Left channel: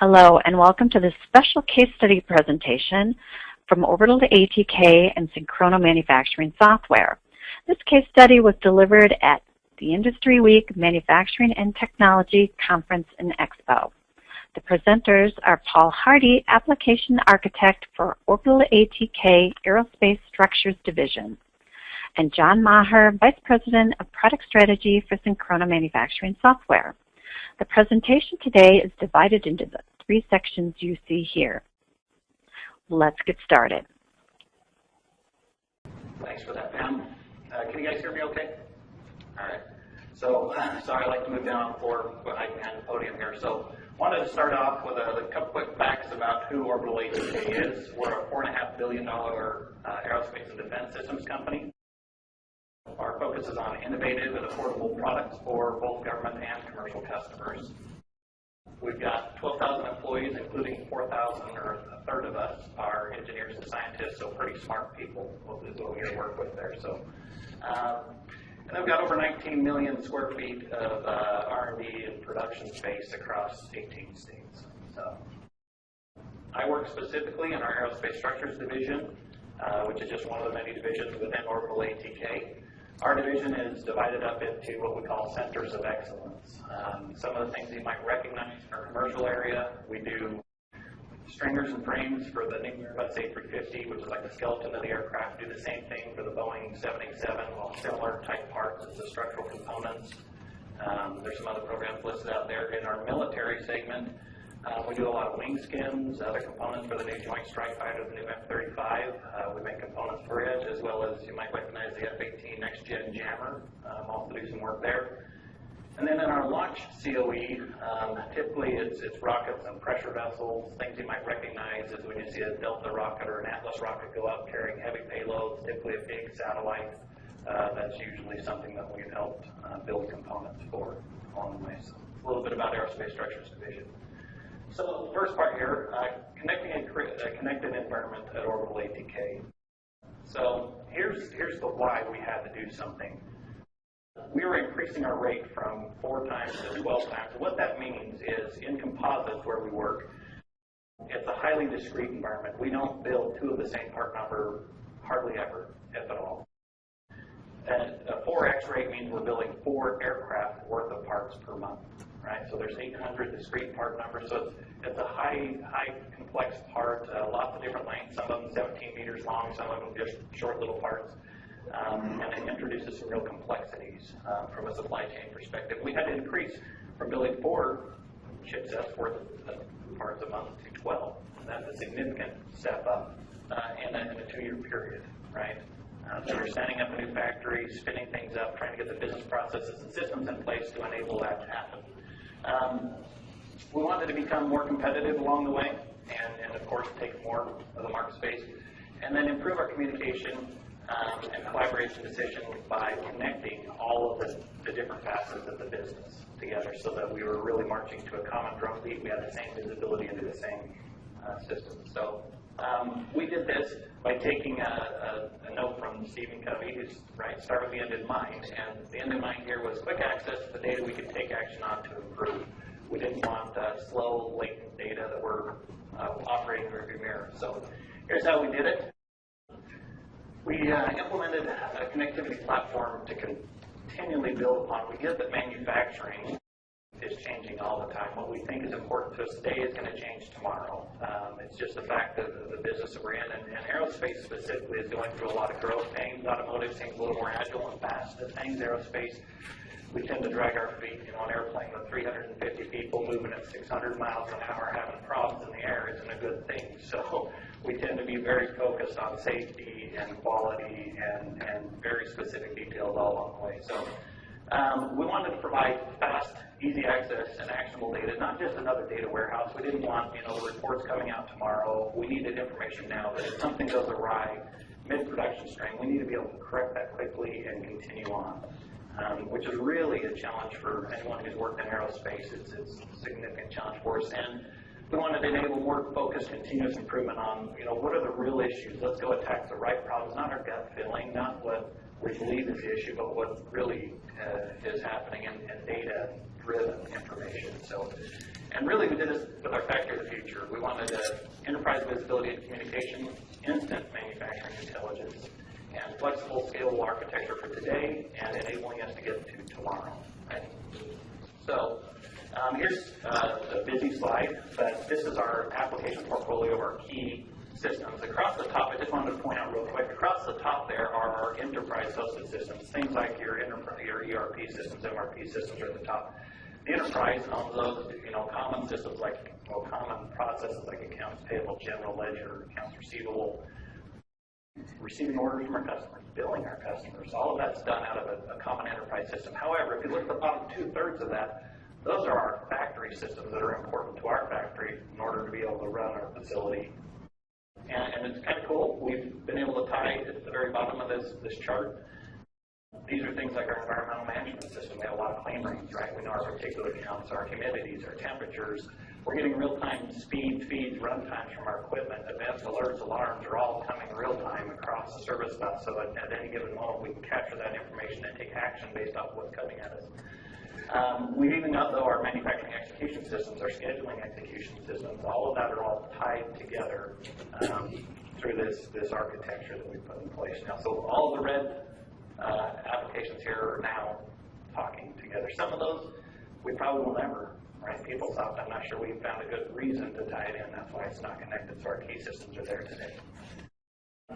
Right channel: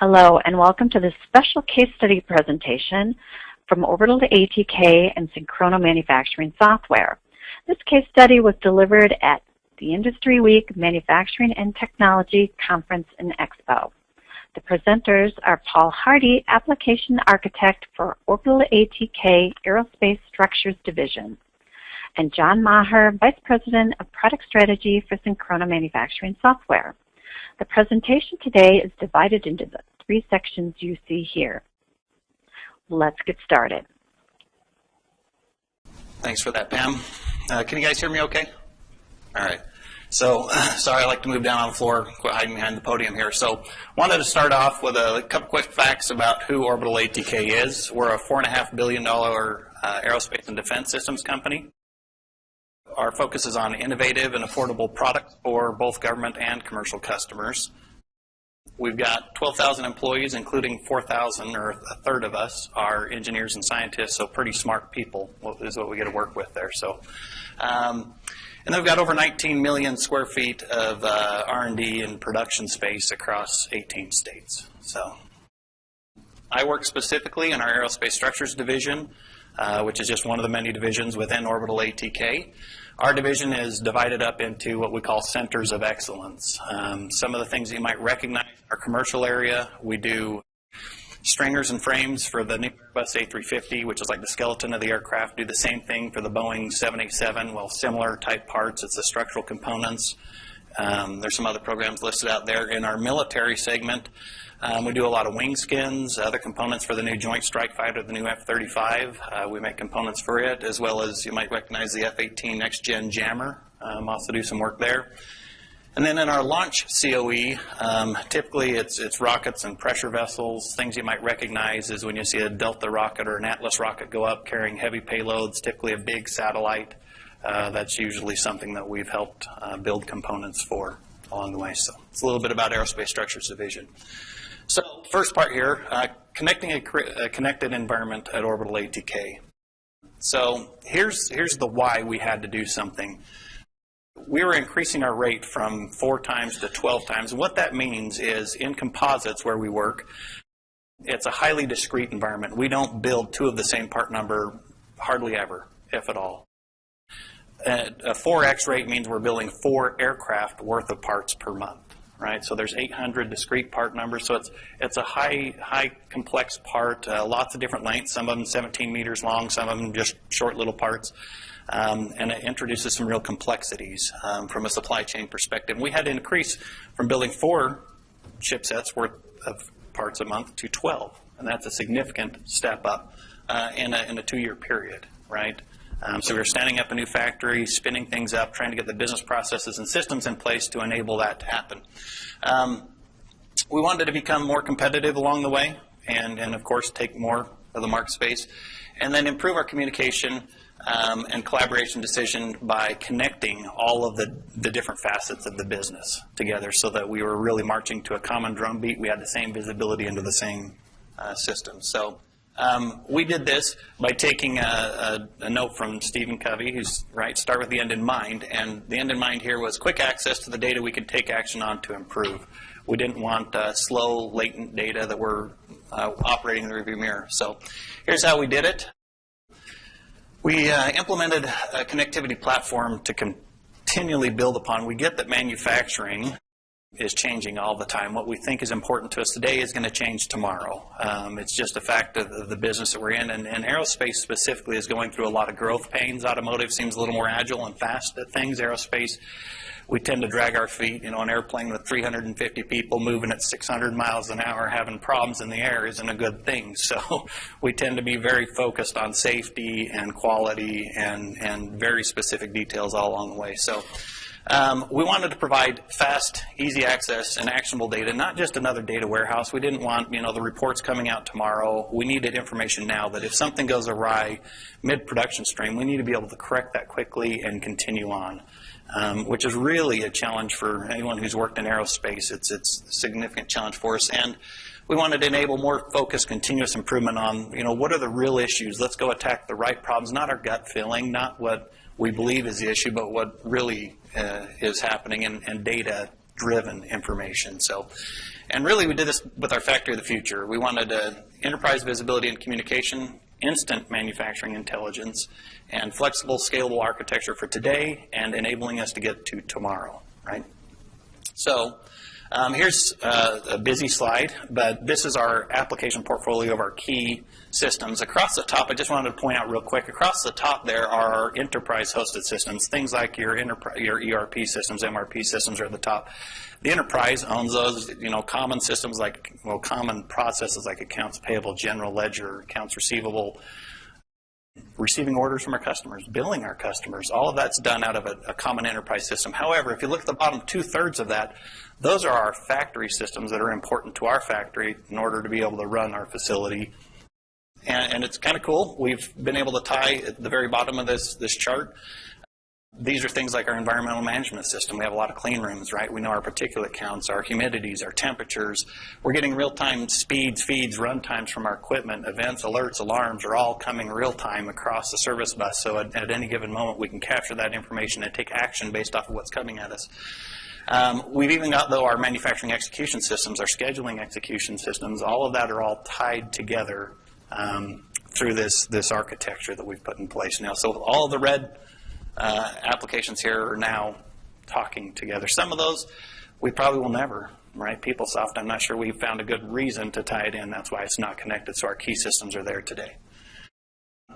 Hello and welcome to this special case study presentation from Orbital ATK and Synchrono Manufacturing Software. This case study was delivered at the Industry Week Manufacturing and Technology Conference and Expo. The presenters are Paul Hardy, Application Architect for Orbital ATK Aerospace Structures Division, and John Maher, Vice President of Product Strategy for Synchrono Manufacturing Software. The presentation today is divided into the three sections you see here. Let's get started. Thanks for that, Pam. Can you guys hear me okay? All right. So, sorry, I like to move down on the floor, hiding behind the podium here. So, wanted to start off with a couple quick facts about who Orbital ATK is. We're a $4.5 billion aerospace and defense systems company. Our focus is on innovative and affordable products for both government and commercial customers. We've got 12,000 employees, including 4,000, or a third of us, are engineers and scientists, so pretty smart people is what we get to work with there. So, and then we've got over 19 million square feet of R&D and production space across 18 states. So, I work specifically in our Aerospace Structures Division, which is just one of the many divisions within Orbital ATK. Our division is divided up into what we call centers of excellence. Some of the things you might recognize in our commercial area, we do stringers and frames for the new Airbus A350, which is like the skeleton of the aircraft. Do the same thing for the Boeing 787, well, similar type parts. It's the structural components. There's some other programs listed out there. In our military segment, we do a lot of wing skins, other components for the new Joint Strike Fighter, the new F-35. We make components for it, as well as you might recognize the F-18 Next Gen Jammer. Also do some work there. And then in our launch COE, typically it's rockets and pressure vessels. Things you might recognize is when you see a Delta rocket or an Atlas rocket go up carrying heavy payloads, typically a big satellite. That's usually something that we've helped build components for along the way. So it's a little bit about Aerospace Structures Division. So first part here, connecting a connected environment at Orbital ATK. So here's the why we had to do something. We were increasing our rate from 4 times to 12 times. And what that means is in composites where we work, it's a highly discrete environment. We don't build 2 of the same part number hardly ever, if at all. A 4x rate means we're building 4 aircraft worth of parts per month. Right, so there's 800 discrete part numbers, so it's a high complex part, lots of different lengths, some of them 17 meters long, some of them just short little parts, and it introduces some real complexities from a supply chain perspective. We had to increase from building 4 chipsets worth of parts a month to 12, and that's a significant step up in a 2-year period, right? So we're standing up a new factory, spinning things up, trying to get the business processes and systems in place to enable that to happen. We wanted to become more competitive along the way and of course, take more of the market space, and then improve our communication and collaboration decision by connecting all of the different facets of the business together so that we were really marching to a common drum beat. We had the same visibility into the same system. So. We did this by taking a note from Stephen Covey, who's right, start with the end in mind, and the end in mind here was quick access to the data we could take action on to improve. We didn't want slow, latent data that were operating in the rearview mirror. So here's how we did it. We implemented a connectivity platform to continually build upon. We get that manufacturing is changing all the time. What we think is important to us today is going to change tomorrow. It's just a fact of the business that we're in, and aerospace specifically is going through a lot of growth pains. Automotive seems a little more agile and fast at things. Aerospace, we tend to drag our feet. You know, an airplane with 350 people moving at 600 miles an hour having problems in the air isn't a good thing. So we tend to be very focused on safety and quality and very specific details all along the way. So we wanted to provide fast, easy access and actionable data, not just another data warehouse. We didn't want, the reports coming out tomorrow. We needed information now that if something goes awry mid-production stream, we need to be able to correct that quickly and continue on, which is really a challenge for anyone who's worked in aerospace. It's a significant challenge for us. And we wanted to enable more focused, continuous improvement on, what are the real issues? Let's go attack the right problems, not our gut feeling, not what we believe is the issue, but what really is happening, and data driven information. So, and really we did this with our factory of the future. We wanted enterprise visibility and communication, instant manufacturing intelligence, and flexible, scalable architecture for today and enabling us to get to tomorrow, right? So here's a busy slide, but this is our application portfolio of our key systems. Across the top, I just wanted to point out real quick, across the top there are our enterprise hosted systems, things like your ERP systems, MRP systems are at the top. The enterprise owns those, common systems like, common processes like accounts payable, general ledger, accounts receivable, receiving orders from our customers, billing our customers, all of that's done out of a common enterprise system. However, if you look at the bottom 2/3 of that, those are our factory systems that are important to our factory in order to be able to run our facility. And it's kind of cool. We've been able to tie at the very bottom of this chart. These are things like our environmental management system. We have a lot of clean rooms, right? We know our particulate counts, our humidities, our temperatures. We're getting real-time speeds, feeds, run times from our equipment. Events, alerts, alarms are all coming real-time across the service bus. So at any given moment, we can capture that information and take action based off of what's coming at us. We've even got, though, our manufacturing execution systems, our scheduling execution systems. All of that are all tied together through this architecture that we've put in place now. So all of the red applications here are now talking together. Some of those we probably will never, right? PeopleSoft, I'm not sure we've found a good reason to tie it in. That's why it's not connected, so our key systems are there today.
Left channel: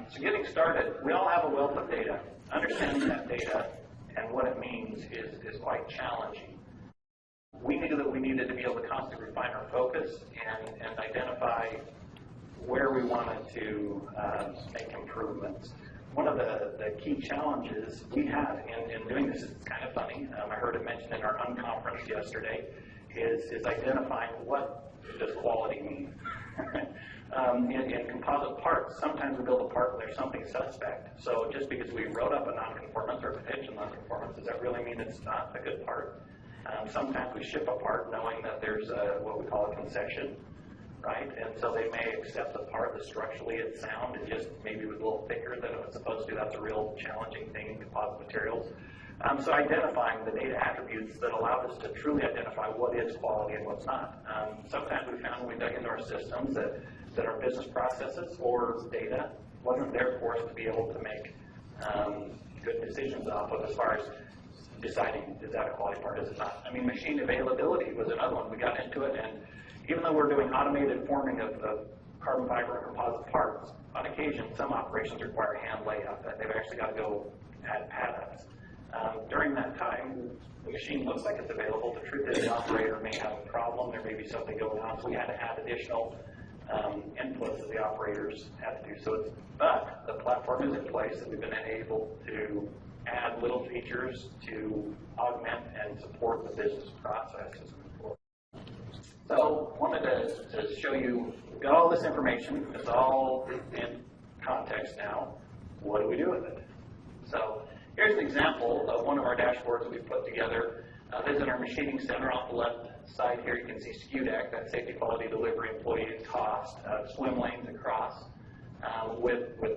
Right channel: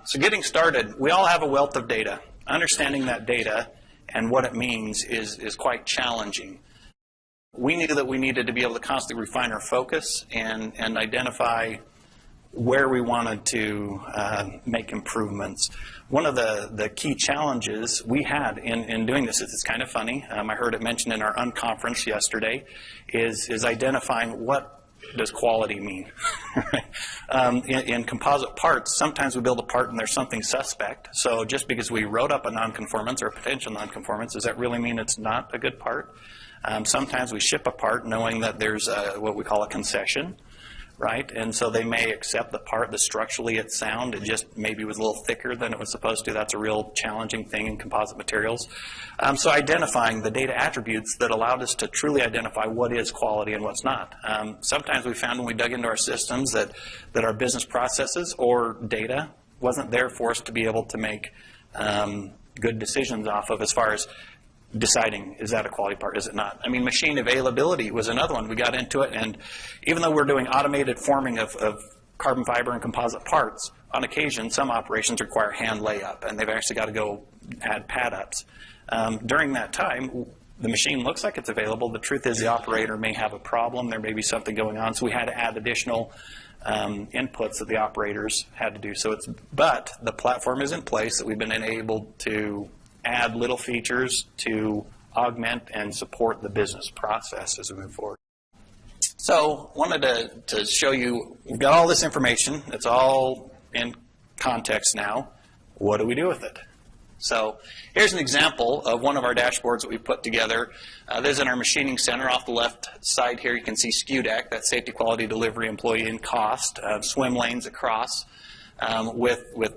So getting started, we all have a wealth of data. Understanding that data and what it means is quite challenging. We knew that we needed to be able to constantly refine our focus and identify where we wanted to make improvements. One of the key challenges we had in doing this, it's kind of funny, I heard it mentioned in our unconference yesterday, is identifying what does quality mean. In composite parts, sometimes we build a part and there's something suspect. So just because we wrote up a nonconformance or a potential nonconformance, does that really mean it's not a good part? Sometimes we ship a part knowing that there's what we call a concession, right? And so they may accept the part that structurally it's sound, it just maybe was a little thicker than it was supposed to. That's a real challenging thing in composite materials. So identifying the data attributes that allowed us to truly identify what is quality and what's not. Sometimes we found when we dug into our systems that our business processes or data wasn't there for us to be able to make good decisions off of as far as deciding, is that a quality part, is it not? I mean, machine availability was another one. We got into it, and even though we're doing automated forming of carbon fiber and composite parts, on occasion, some operations require hand layup, and they've actually got to go add pad-ups. During that time, the machine looks like it's available. The truth is the operator may have a problem. There may be something going on, so we had to add additional inputs that the operators had to do. But the platform is in place that we've been enabled to add little features to augment and support the business process as we move forward. So wanted to show you, we've got all this information. It's all in context now. What do we do with it? So here's an example of one of our dashboards that we put together. This is in our machining center. Off the left side here, you can see SKUDAC, that's safety, quality, delivery, employee, and cost. Swim lanes across with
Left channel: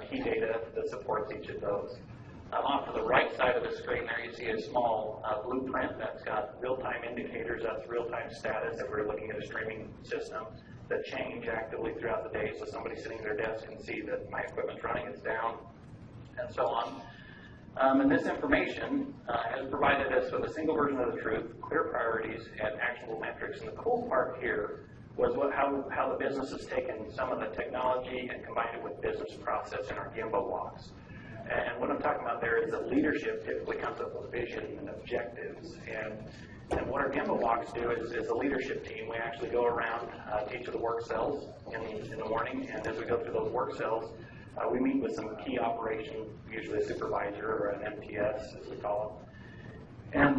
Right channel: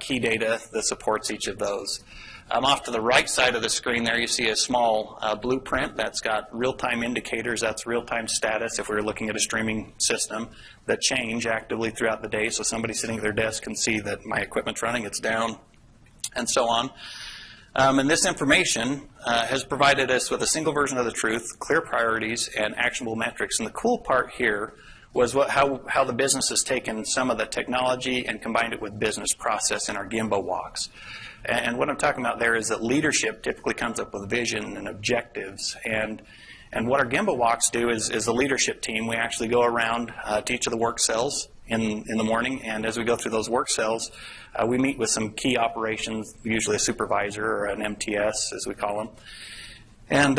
key data that supports each of those. Off to the right side of the screen there, you see a small blueprint that's got real-time indicators. That's real-time status if we were looking at a streaming system that change actively throughout the day. So somebody sitting at their desk can see that my equipment's running, it's down, and so on. And this information has provided us with a single version of the truth, clear priorities, and actionable metrics. And the cool part here was how the business has taken some of the technology and combined it with business process in our Gemba walks. And what I'm talking about there is that leadership typically comes up with vision and objectives. And what our Gemba walks do is the leadership team, we actually go around to each of the work cells in the morning. And as we go through those work cells, we meet with some key operations, usually a supervisor or an MTS, as we call them. And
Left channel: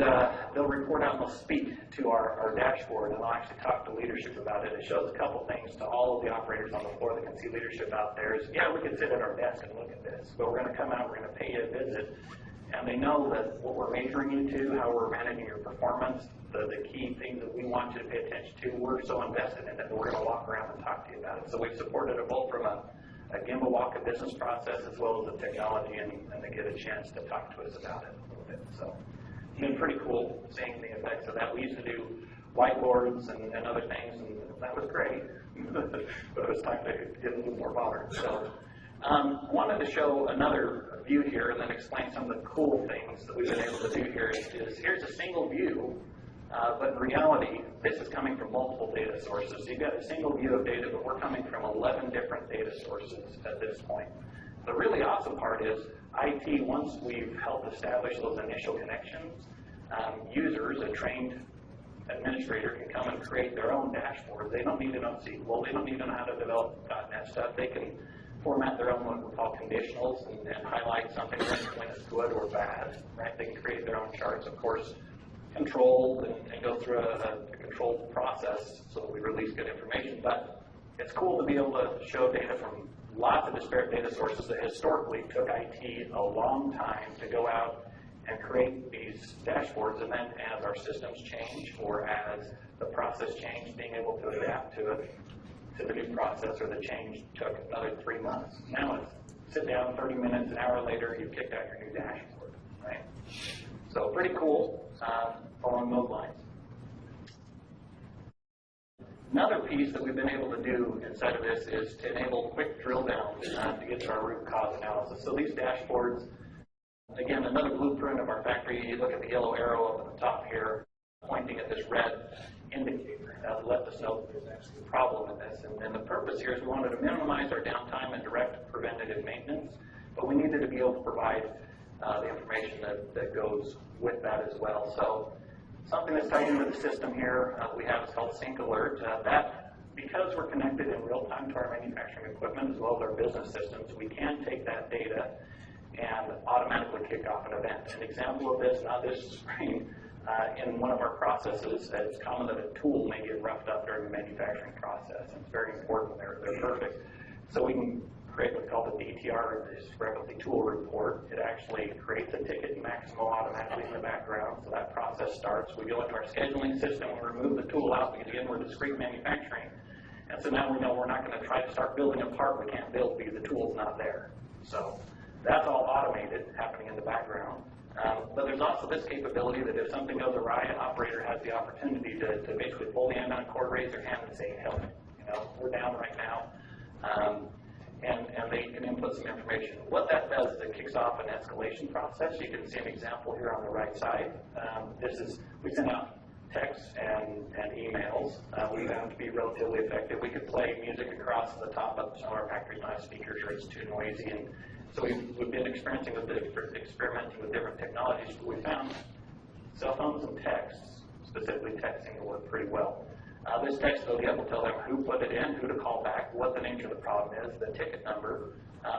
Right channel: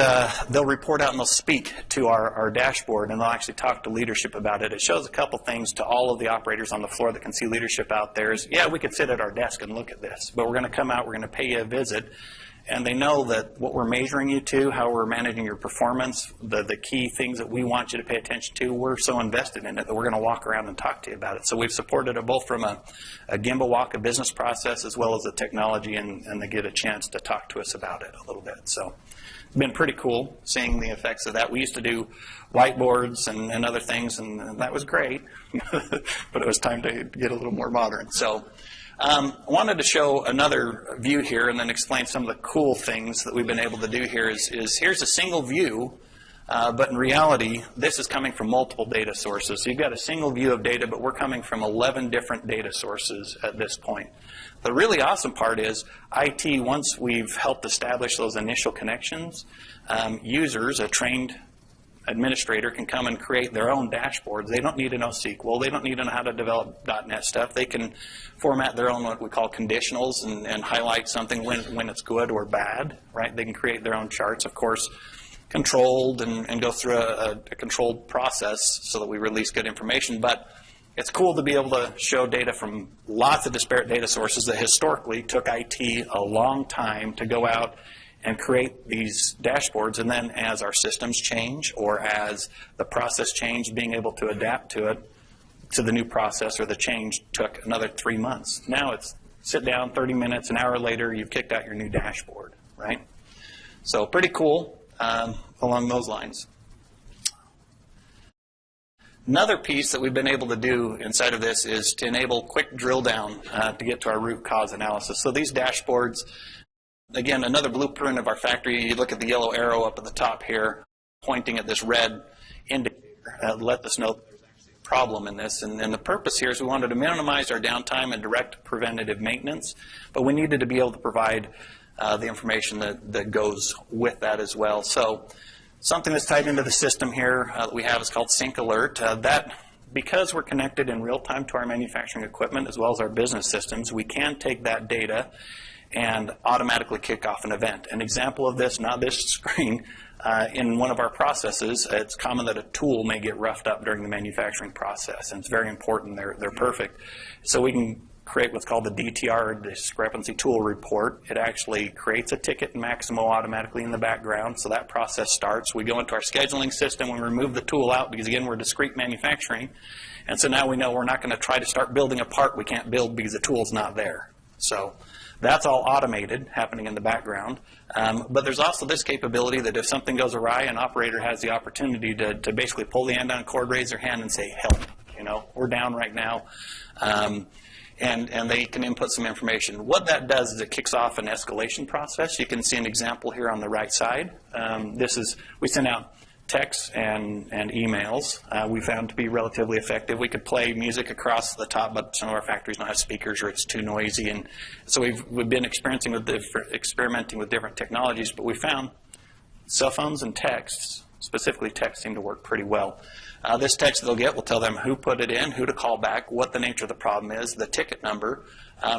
they'll report out and they'll speak to our dashboard, and they'll actually talk to leadership about it. It shows a couple things to all of the operators on the floor that can see leadership out there is, yeah, we could sit at our desk and look at this, but we're going to come out, we're going to pay you a visit, and they know that what we're measuring you to, how we're managing your performance, the key things that we want you to pay attention to, we're so invested in it that we're going to walk around and talk to you about it. So we've supported it both from a Gemba walk, a business process, as well as the technology, and they get a chance to talk to us about it a little bit. So been pretty cool seeing the effects of that. We used to do whiteboards and other things, and that was great, but it was time to get a little more modern. So I wanted to show another view here and then explain some of the cool things that we've been able to do here. Is here's a single view, but in reality, this is coming from multiple data sources. So you've got a single view of data, but we're coming from 11 different data sources at this point. The really awesome part is IT, once we've helped establish those initial connections, users, a trained administrator, can come and create their own dashboards. They don't need to know SQL. They don't need to know how to develop .NET stuff. They can format their own what we call conditionals and highlight something when it's good or bad, right? They can create their own charts, of course, controlled and go through a controlled process so that we release good information. But it's cool to be able to show data from lots of disparate data sources that historically took IT a long time to go out and create these dashboards, and then as our systems change or as the process changed, being able to adapt to it, to the new process or the change took another 3 months. Now it's sit down, 30 minutes, an hour later, you've kicked out your new dashboard, right? So pretty cool along those lines. Another piece that we've been able to do inside of this is to enable quick drill down to get to our root cause analysis. So these dashboards, again, another blueprint of our factory. You look at the yellow arrow up at the top here, pointing at this red indicator, let us know problem in this. And the purpose here is we wanted to minimize our downtime and direct preventative maintenance, but we needed to be able to provide the information that goes with that as well. So something that's tied into the system here that we have is called Sync Alert. That, because we're connected in real time to our manufacturing equipment as well as our business systems, we can take that data and automatically kick off an event. An example of this, not this screen, in one of our processes, it's common that a tool may get roughed up during the manufacturing process, and it's very important they're perfect. So we can create what's called the DTR, Discrepancy Tool Report. It actually creates a ticket in Maximo automatically in the background, so that process starts. We go into our scheduling system, we remove the tool out because, again, we're discrete manufacturing, and so now we know we're not going to try to start building a part we can't build because the tool's not there. So that's all automated, happening in the background. But there's also this capability that if something goes awry, an operator has the opportunity to basically pull the end on a cord, raise their hand, and say, help, we're down right now. And they can input some information. What that does is it kicks off an escalation process. You can see an example here on the right side. We send out texts and emails. We found to be relatively effective. We could play music across the top, but some of our factories don't have speakers or it's too noisy. And so we've been experimenting with different technologies, but we found cell phones and texts, specifically text, seem to work pretty well. This text they'll get will tell them who put it in, who to call back, what the nature of the problem is, the ticket number.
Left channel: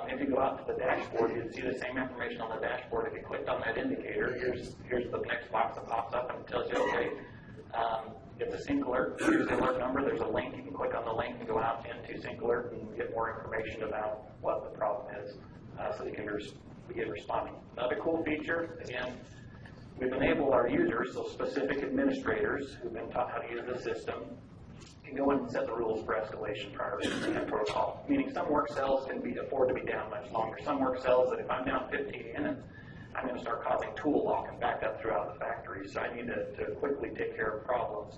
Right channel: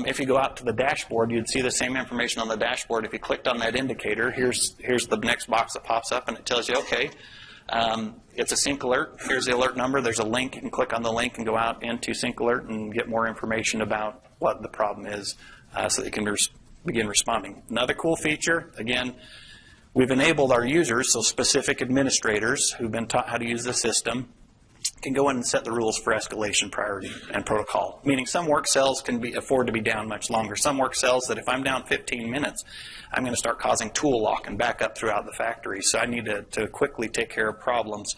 If you go out to the dashboard, you'd see the same information on the dashboard. If you clicked on that indicator, here's the next box that pops up, and it tells you, okay, it's a Sync Alert. Here's the alert number. There's a link. You can click on the link and go out into Sync Alert and get more information about what the problem is so that you can begin responding. Another cool feature, again, we've enabled our users, so specific administrators who've been taught how to use the system, can go in and set the rules for escalation, priority, and protocol. Meaning some work cells can afford to be down much longer. Some work cells that if I'm down 15 minutes, I'm going to start causing tool lock and backup throughout the factory. So I need to quickly take care of problems.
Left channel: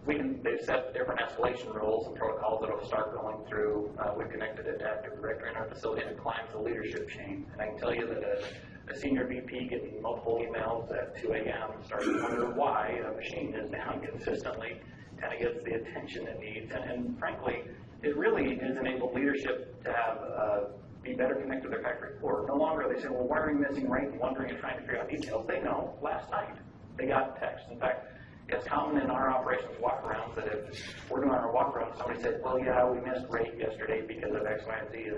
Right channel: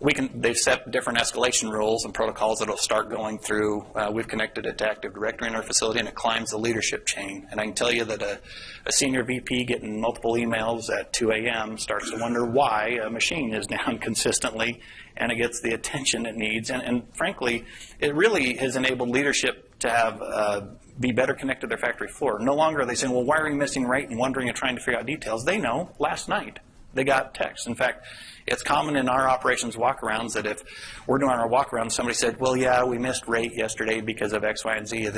They've set different escalation rules and protocols that will start going through. We've connected it to Active Directory in our facility, and it climbs the leadership chain. And I can tell you that a senior VP getting multiple emails at 2 a.m. starts to wonder why a machine is down consistently, and it gets the attention it needs. And frankly, it really has enabled leadership to have be better connected to their factory floor. No longer are they saying, well, why are you missing rate and wondering and trying to figure out details. They know last night they got text. In fact, it's common in our operations walkarounds that if we're doing our walkaround, somebody said, well, yeah, we missed rate yesterday because of X, Y, and Z.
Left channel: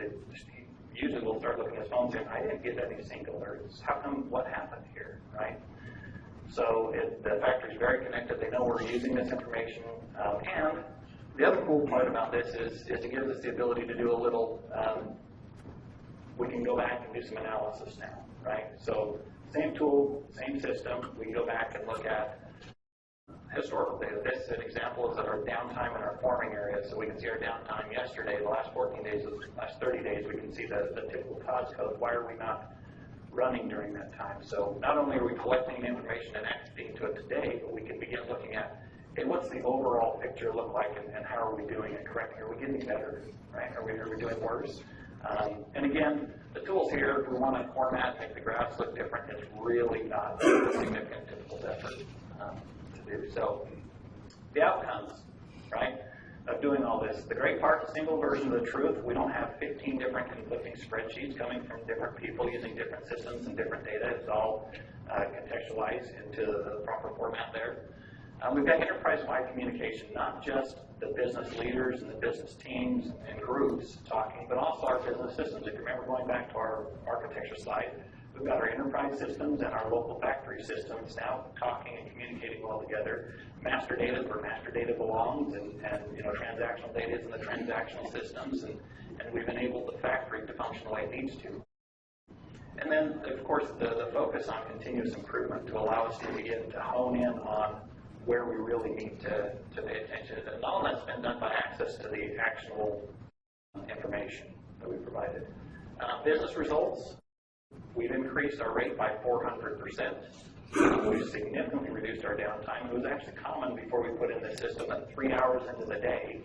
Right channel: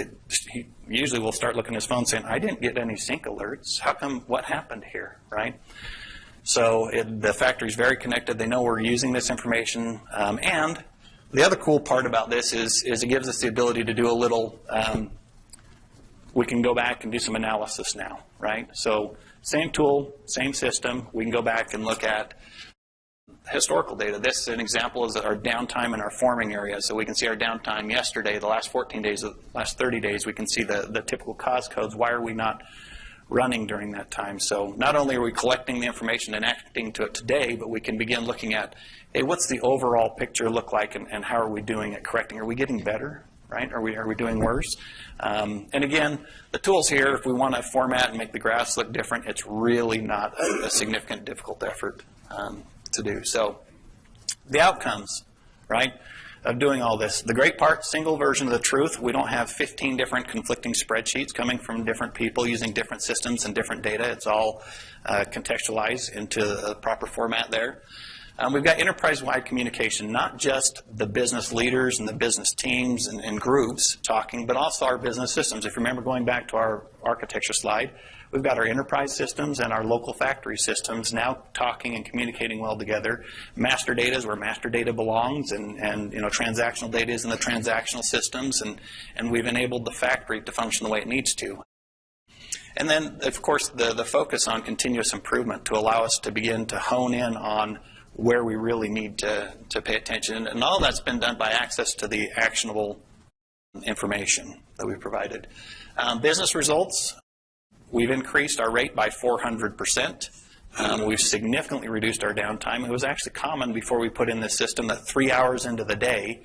He usually will start looking at his phone saying, I didn't get any sync alerts. How come, what happened here, right? So the factory's very connected. They know we're using this information. And the other cool part about this is it gives us the ability to do a little, we can go back and do some analysis now, right? So same tool, same system. We can go back and look at historical data. This is an example of our downtime in our forming area. So we can see our downtime yesterday, the last 14 days, the last 30 days. We can see the typical cause codes. Why are we not running during that time. So not only are we collecting the information and acting to it today, but we can begin looking at, hey, what's the overall picture look like, and how are we doing at correcting? Are we getting better, right? Are we doing worse? And again, the tools here, if we want to format and make the graphs look different, it's really not a significant, difficult effort to do. So the outcomes, right, of doing all this. The great part, single version of the truth. We don't have 15 different conflicting spreadsheets coming from different people using different systems and different data. It's all contextualized into the proper format there. We've got enterprise-wide communication, not just the business leaders and the business teams and groups talking, but also our business systems. If you remember going back to our architecture slide, we've got our enterprise systems and our local factory systems now talking and communicating well together. Master data is where master data belongs, and transactional data is in the transactional systems, and we've enabled the factory to function the way it needs to. And then, of course, the focus on continuous improvement to allow us to begin to hone in on where we really need to pay attention. And all that's been done by access to the actionable information that we provided. Business results, we've increased our rate by 400%. We've significantly reduced our downtime. It was actually common before we put in this system that 3 hours into the day,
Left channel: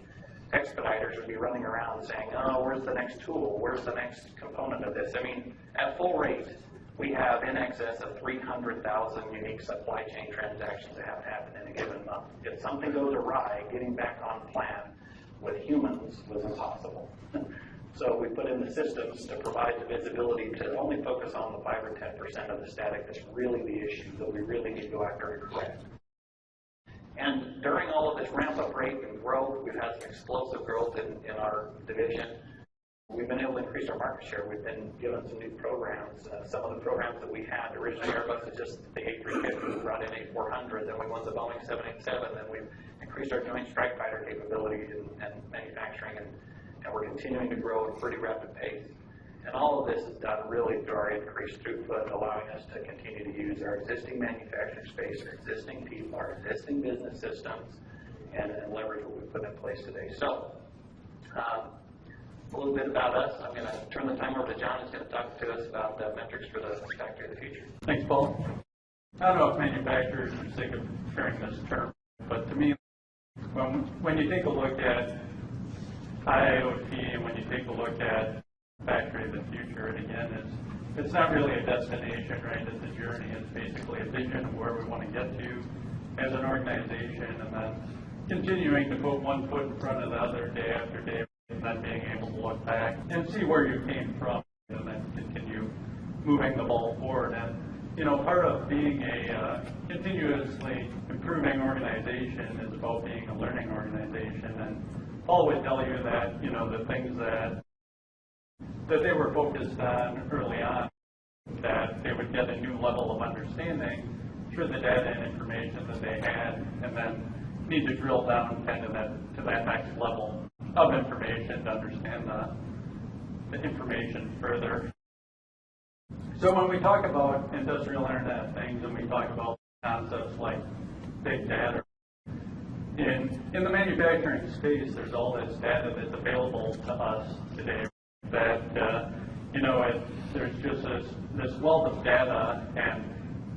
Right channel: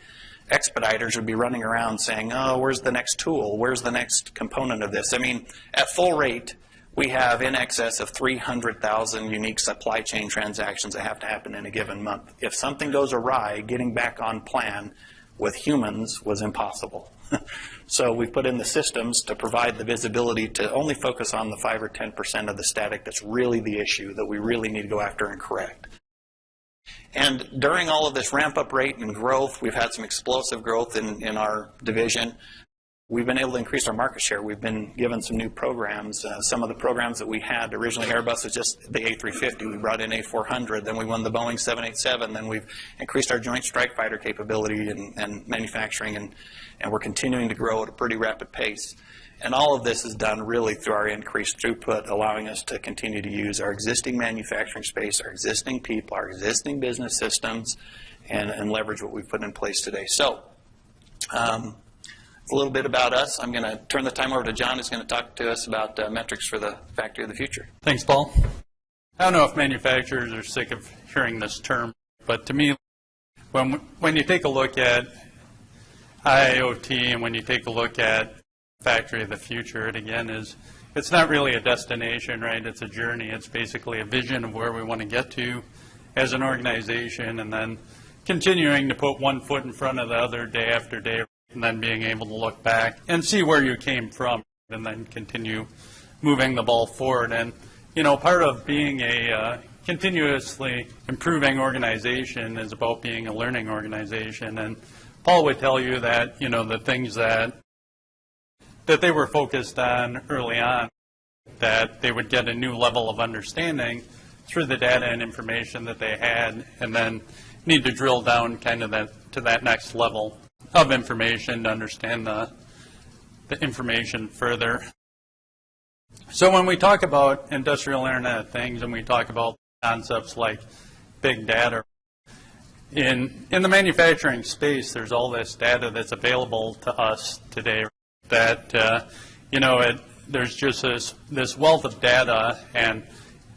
expediters would be running around saying, oh, where's the next tool? Where's the next component of this? I mean, at full rate, we have in excess of 300,000 unique supply chain transactions that have to happen in a given month. If something goes awry, getting back on plan with humans was impossible. So we put in the systems to provide the visibility to only focus on the 5 or 10% of the static that's really the issue that we really need to go after and correct. And during all of this ramp-up rate and growth, we've had some explosive growth in our division. We've been able to increase our market share. We've been given some new programs. Some of the programs that we had, originally Airbus was just the A350. We brought in A400. Then we won the Boeing 787. Then we've increased our Joint Strike Fighter capability and manufacturing, and we're continuing to grow at a pretty rapid pace. And all of this is done really through our increased throughput, allowing us to continue to use our existing manufacturing space, our existing people, our existing business systems, and leverage what we've put in place today. So, a little bit about us. I'm going to turn the time over to John, who's going to talk to us about metrics for the factory of the future. Thanks, Paul. I don't know if manufacturers are sick of hearing this term, but to me, when you take a look at IIoT and when you take a look at factory of the future, it again is, it's not really a destination, right? It's a journey. It's basically a vision of where we want to get to as an organization, and then continuing to put one foot in front of the other day after day, and then being able to look back and see where you came from, and then continue moving the ball forward. And, part of being a continuously improving organization is about being a learning organization. And Paul would tell you that, the things that they were focused on early on, that they would get a new level of understanding through the data and information that they had, and then need to drill down kind of to that next level of information to understand the information further. So when we talk about industrial Internet of Things and we talk about concepts like big data, in the manufacturing space, there's all this data that's available to us today that, there's just this wealth of data, and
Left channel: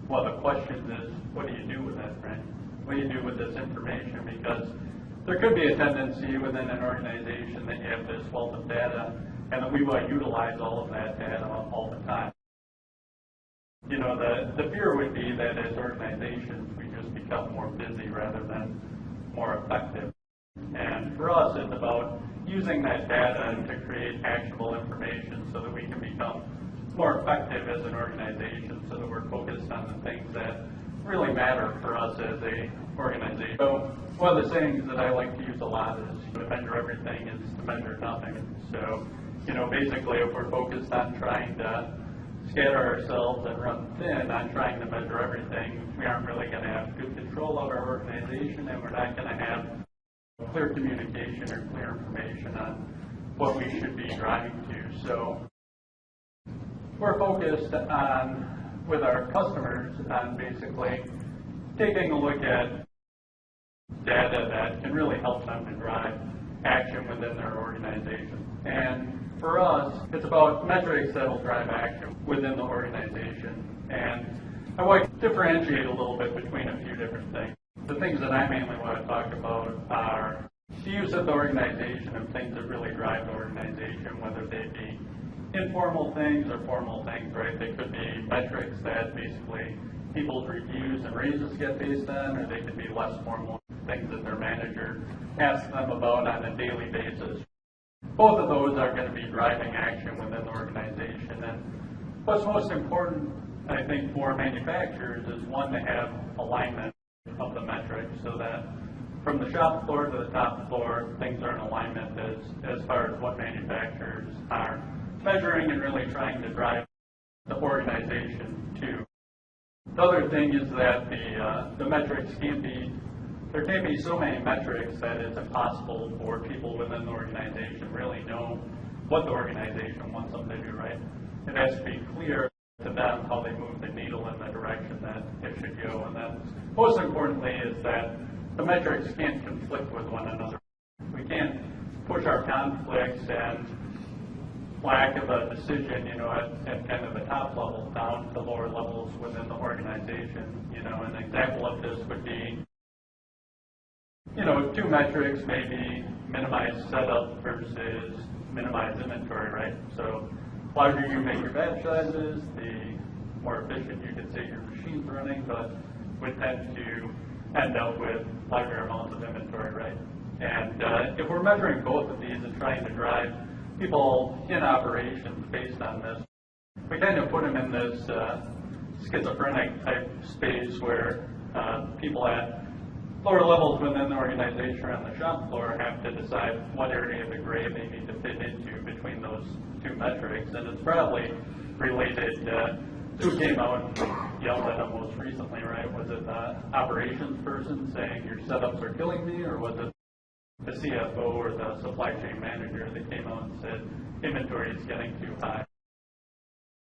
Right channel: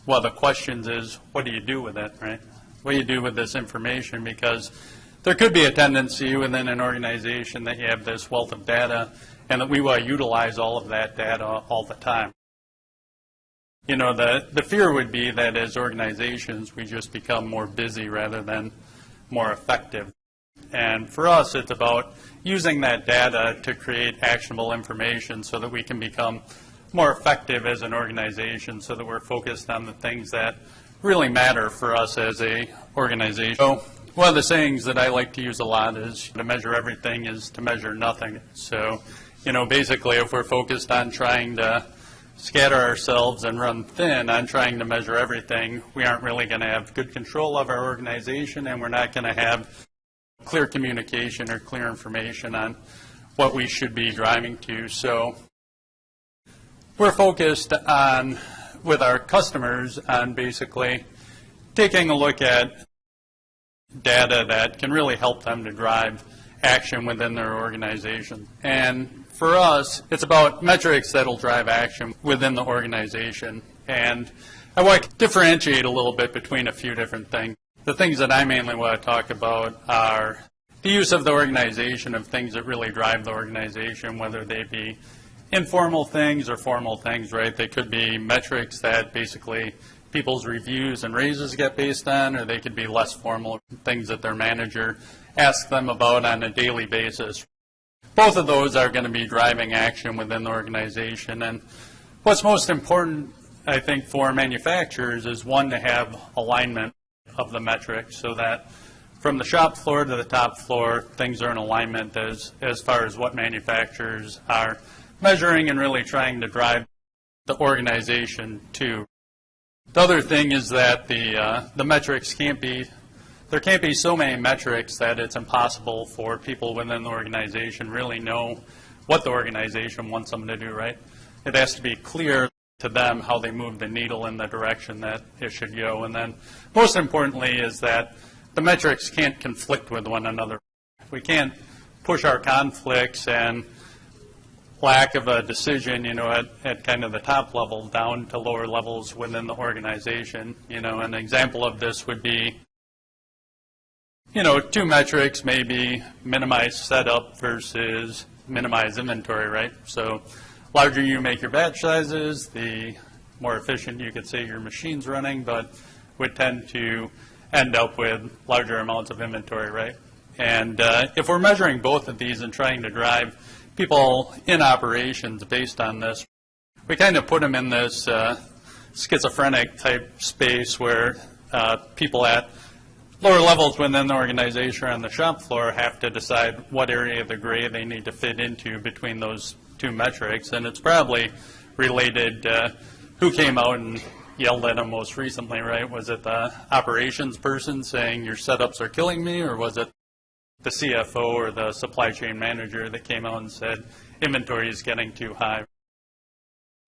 one of the questions is, what do you do with it, right? What do you do with this information? Because there could be a tendency within an organization that you have this wealth of data and that we will utilize all of that data all the time. The fear would be that as organizations, we just become more busy rather than more effective. And for us, it's about using that data to create actionable information so that we can become more effective as an organization, so that we're focused on the things that really matter for us as a organization. So one of the sayings that I like to use a lot is to measure everything is to measure nothing. So, basically if we're focused on trying to scatter ourselves and run thin on trying to measure everything, we aren't really going to have good control of our organization, and we're not going to have clear communication or clear information on what we should be driving to. So we're focused on, with our customers, on basically taking a look at data that can really help them to drive action within their organization. And for us, it's about metrics that'll drive action within the organization. And I want to differentiate a little bit between a few different things. The things that I mainly want to talk about are the use of the organization of things that really drive the organization, whether they be informal things or formal things, right? They could be metrics that basically people's reviews and raises get based on, or they could be less formal things that their manager asks them about on a daily basis. Both of those are going to be driving action within the organization. And what's most important, I think, for manufacturers is, one, to have alignment of the metrics so that from the shop floor to the top floor, things are in alignment as far as what manufacturers are measuring and really trying to drive the organization to. The other thing is that the metrics there can't be so many metrics that it's impossible for people within the organization really know what the organization wants them to do, right? It has to be clear to them how they move the needle in the direction that it should go. And then most importantly is that the metrics can't conflict with one another. We can't push our conflicts and lack of a decision, at kind of the top level down to lower levels within the organization. An example of this would be, two metrics, maybe minimize setup versus minimize inventory, right? So larger you make your batch sizes, the more efficient you could say your machine's running, but would tend to end up with larger amounts of inventory, right? And if we're measuring both of these and trying to drive people in operations based on this, we kind of put them in this schizophrenic type space where people at lower levels within the organization or on the shop floor have to decide what area of the gray they need to fit into between those two metrics. And it's probably related to who came out and yelled at them most recently, right? Was it the operations person saying your setups are killing me, or was it the CFO or the supply chain manager that came out and said inventory is getting too high?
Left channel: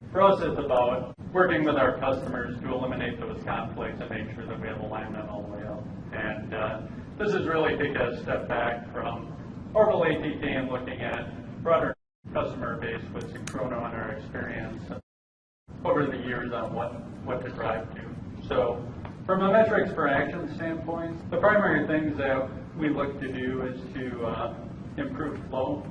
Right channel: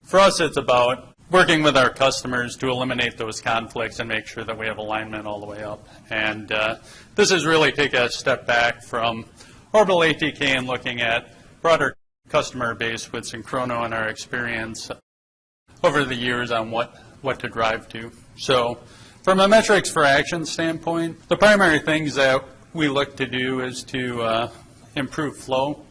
For us, it's about working with our customers to eliminate those conflicts and make sure that we have alignment all the way up. And this is really take a step back from Orbital ATK and looking at broader customer base with Synchrono and our experience over the years on what to drive to. So from a metrics for action standpoint, the primary things that we look to do is to improve flow.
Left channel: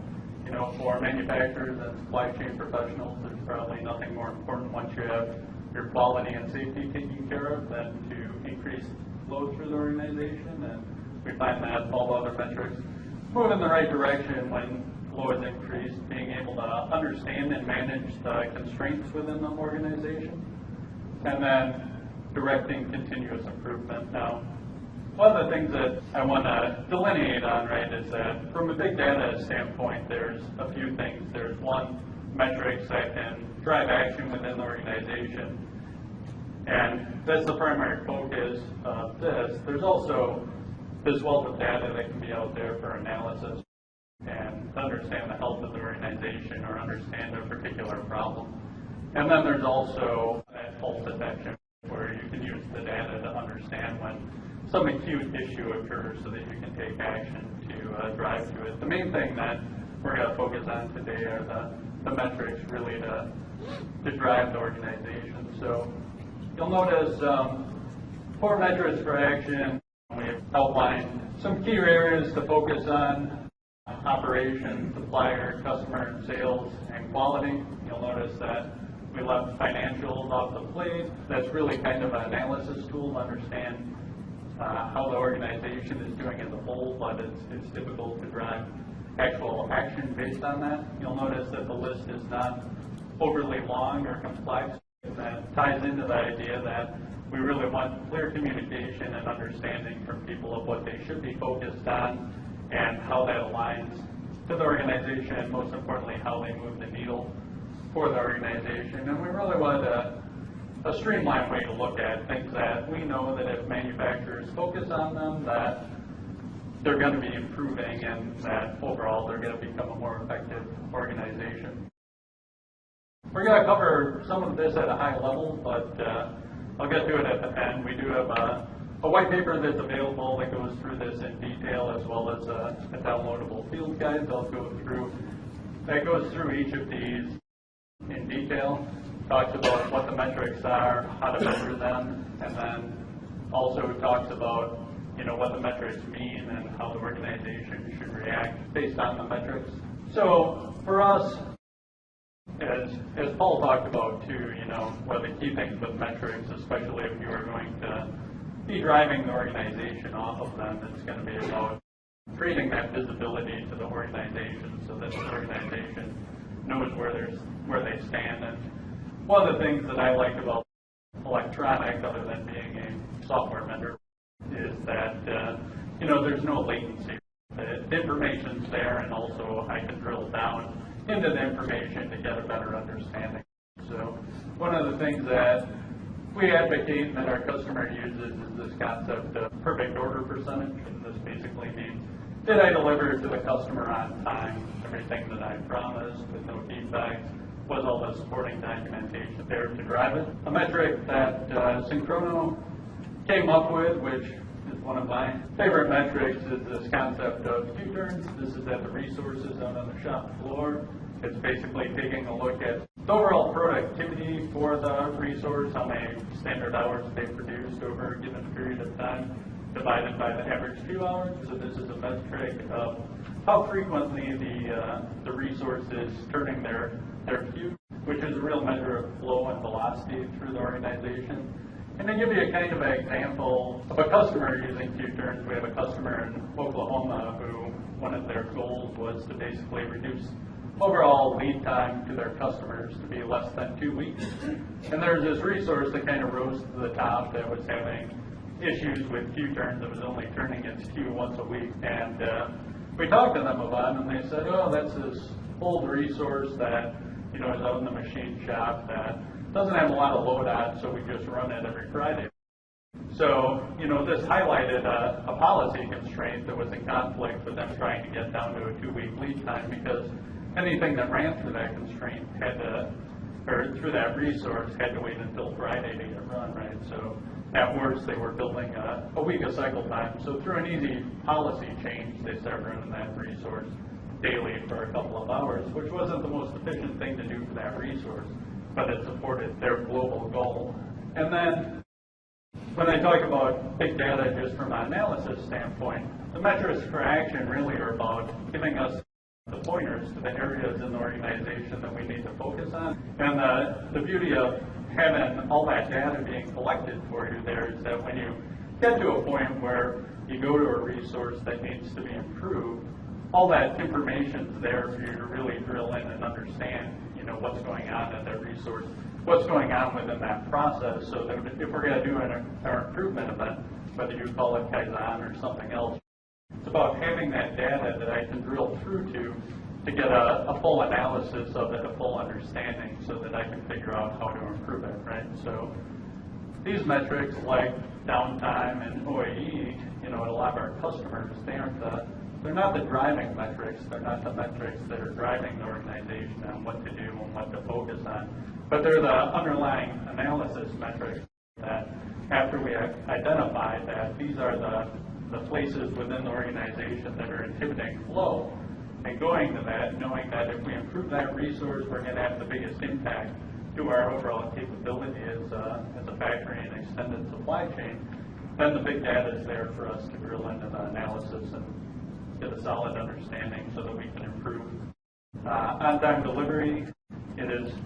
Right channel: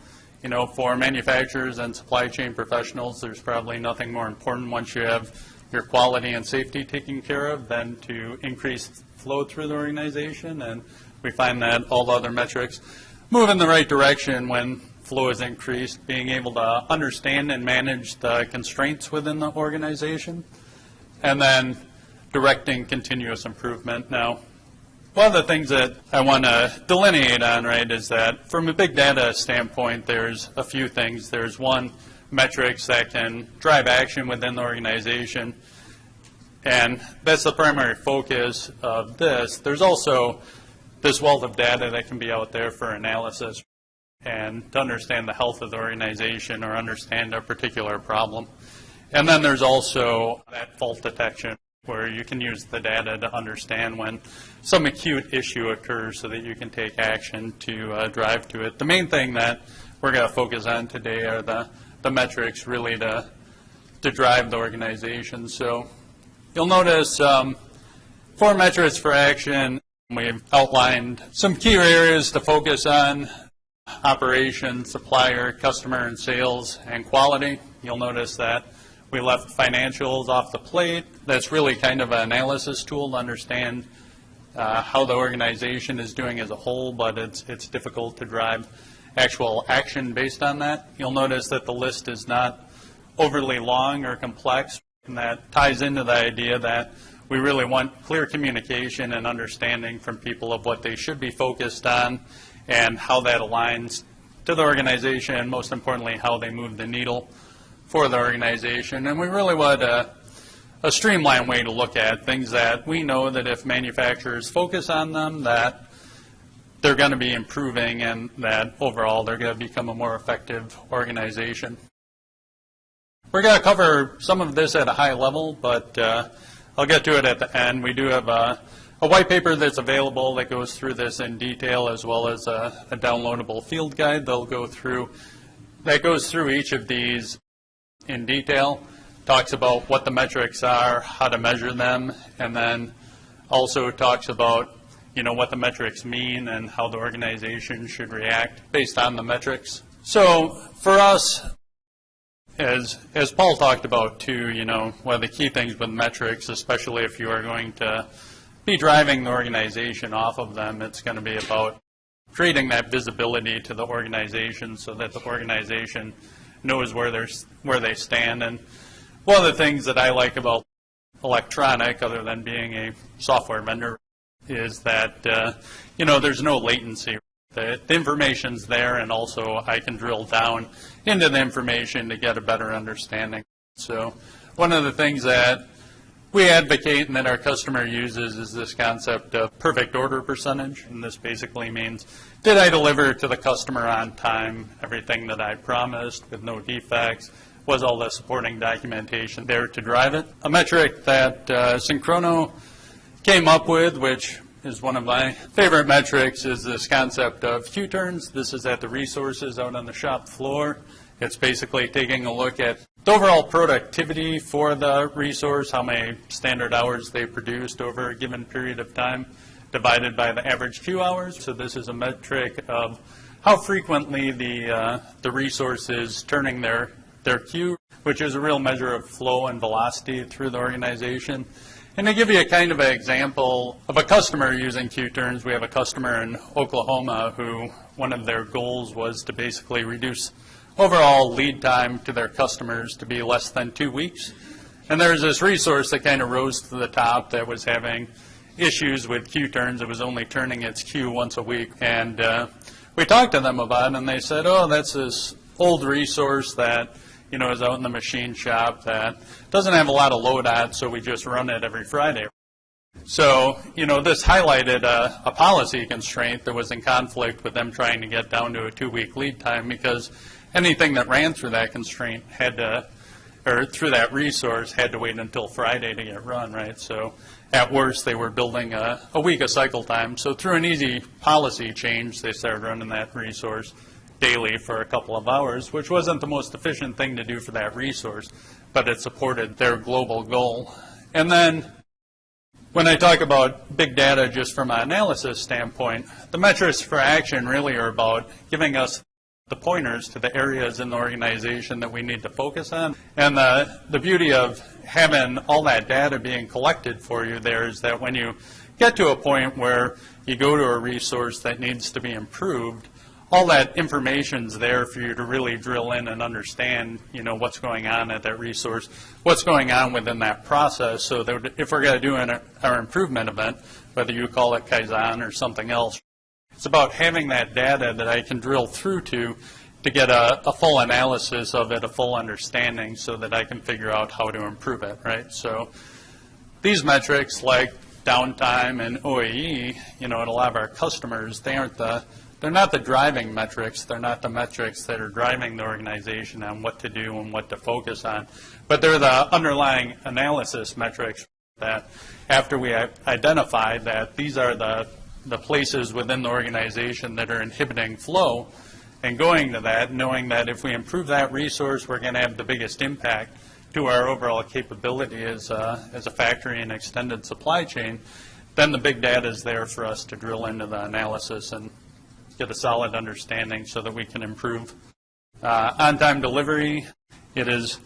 For manufacturers and supply chain professionals, there's probably nothing more important once you have your quality and safety taken care of than to increase flow through the organization. And we find that all other metrics move in the right direction when flow is increased, being able to understand and manage the constraints within the organization, and then directing continuous improvement. Now, one of the things that I want to delineate on, right, is that from a big data standpoint, there's a few things. There's one, metrics that can drive action within the organization, and that's the primary focus of this. There's also this wealth of data that can be out there for analysis and to understand the health of the organization or understand a particular problem. And then there's also that fault detection, where you can use the data to understand when some acute issue occurs so that you can take action to drive to it. The main thing that we're going to focus on today are the metrics really to drive the organization. So you'll notice 4 metrics for action. We've outlined some key areas to focus on: operations, supplier, customer and sales, and quality. You'll notice that we left financials off the plate. That's really kind of an analysis tool to understand how the organization is doing as a whole, but it's difficult to drive actual action based on that. You'll notice that the list is not overly long or complex, and that ties into the idea that we really want clear communication and understanding from people of what they should be focused on and how that aligns to the organization, and most importantly, how they move the needle for the organization. And we really want a streamlined way to look at things that we know that if manufacturers focus on them, that they're going to be improving and that overall they're going to become a more effective organization. We're going to cover some of this at a high level, but I'll get to it at the end. We do have a a white paper that's available that goes through this in detail, as well as a downloadable field guide that goes through each of these in detail, talks about what the metrics are, how to measure them, and then also talks about what the metrics mean and how the organization should react based on the metrics. So for us, as Paul talked about too, one of the key things with metrics, especially if you are going to be driving the organization off of them, it's going to be about creating that visibility to the organization so that the organization knows where they stand. And one of the things that I like about electronic, other than being a software vendor, is that there's no latency. The information's there, and also I can drill down into the information to get a better understanding. So one of the things that we advocate and that our customer uses is this concept of perfect order percentage. And this basically means, did I deliver to the customer on time, everything that I promised with no defects? Was all the supporting documentation there to drive it? A metric that Synchrono came up with, which is one of my favorite metrics, is this concept of Q-turns. This is at the resources out on the shop floor. It's basically taking a look at the overall productivity for the resource, how many standard hours they produced over a given period of time, divided by the average Q hours. So this is a metric of how frequently the resource is turning their Q, which is a real measure of flow and velocity through the organization. And to give you a kind of an example of a customer using Q-turns, we have a customer in Oklahoma who one of their goals was to basically reduce overall lead time to their customers to be less than 2 weeks. And there's this resource that kind of rose to the top that was having issues with Q-turns. It was only turning its Q once a week. And we talked to them about it, and they said, oh, that's this old resource that is out in the machine shop that doesn't have a lot of load on it, so we just run it every Friday. So, this highlighted a policy constraint that was in conflict with them trying to get down to a 2-week lead time, because anything that ran through that constraint through that resource had to wait until Friday to get run, right? So at worst, they were building a week of cycle time. So through an easy policy change, they started running that resource daily for a couple of hours, which wasn't the most efficient thing to do for that resource, but it supported their global goal. And then when I talk about big data just from an analysis standpoint, the metrics for action really are about giving us the pointers to the areas in the organization that we need to focus on. And the beauty of having all that data being collected for you there is that when you get to a point where you go to a resource that needs to be improved, all that information's there for you to really drill in and understand, what's going on at that resource, what's going on within that process, so that if we're going to do our improvement event, whether you call it Kaizen or something else, it's about having that data that I can drill through to get a full analysis of it, a full understanding, so that I can figure out how to improve it, right? So these metrics like downtime and OEE, at a lot of our customers, they're not the driving metrics. They're not the metrics that are driving the organization on what to do and what to focus on. But they're the underlying analysis metrics that after we identify that these are the places within the organization that are inhibiting flow, and going to that, knowing that if we improve that resource, we're going to have the biggest impact to our overall capability as a factory and extended supply chain, then the big data is there for us to drill into the analysis and get a solid understanding so that we can improve. On-time delivery, it is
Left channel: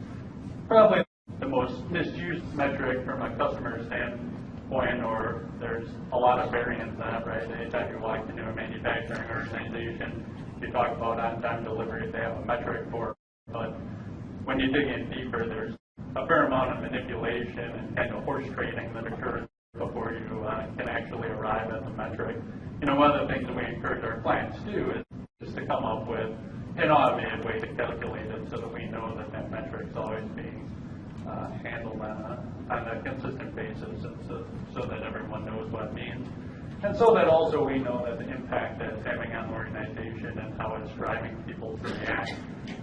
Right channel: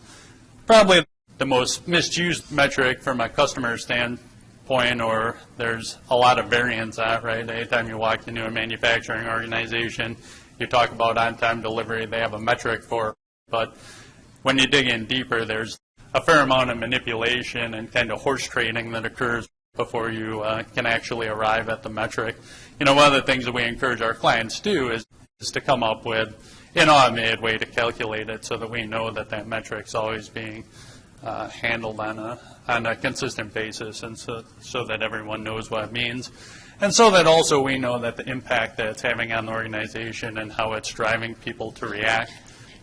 probably the most misused metric from a customer standpoint, or there's a lot of variance on it, right? Anytime you walk into a manufacturing organization, you talk about on-time delivery, they have a metric for it. But when you dig in deeper, there's a fair amount of manipulation and kind of horse trading that occurs before you can actually arrive at the metric. One of the things that we encourage our clients to do is to come up with an automated way to calculate it so that we know that that metric's always being handled on a consistent basis, and so that everyone knows what it means. And so that also we know that the impact that it's having on the organization and how it's driving people to react,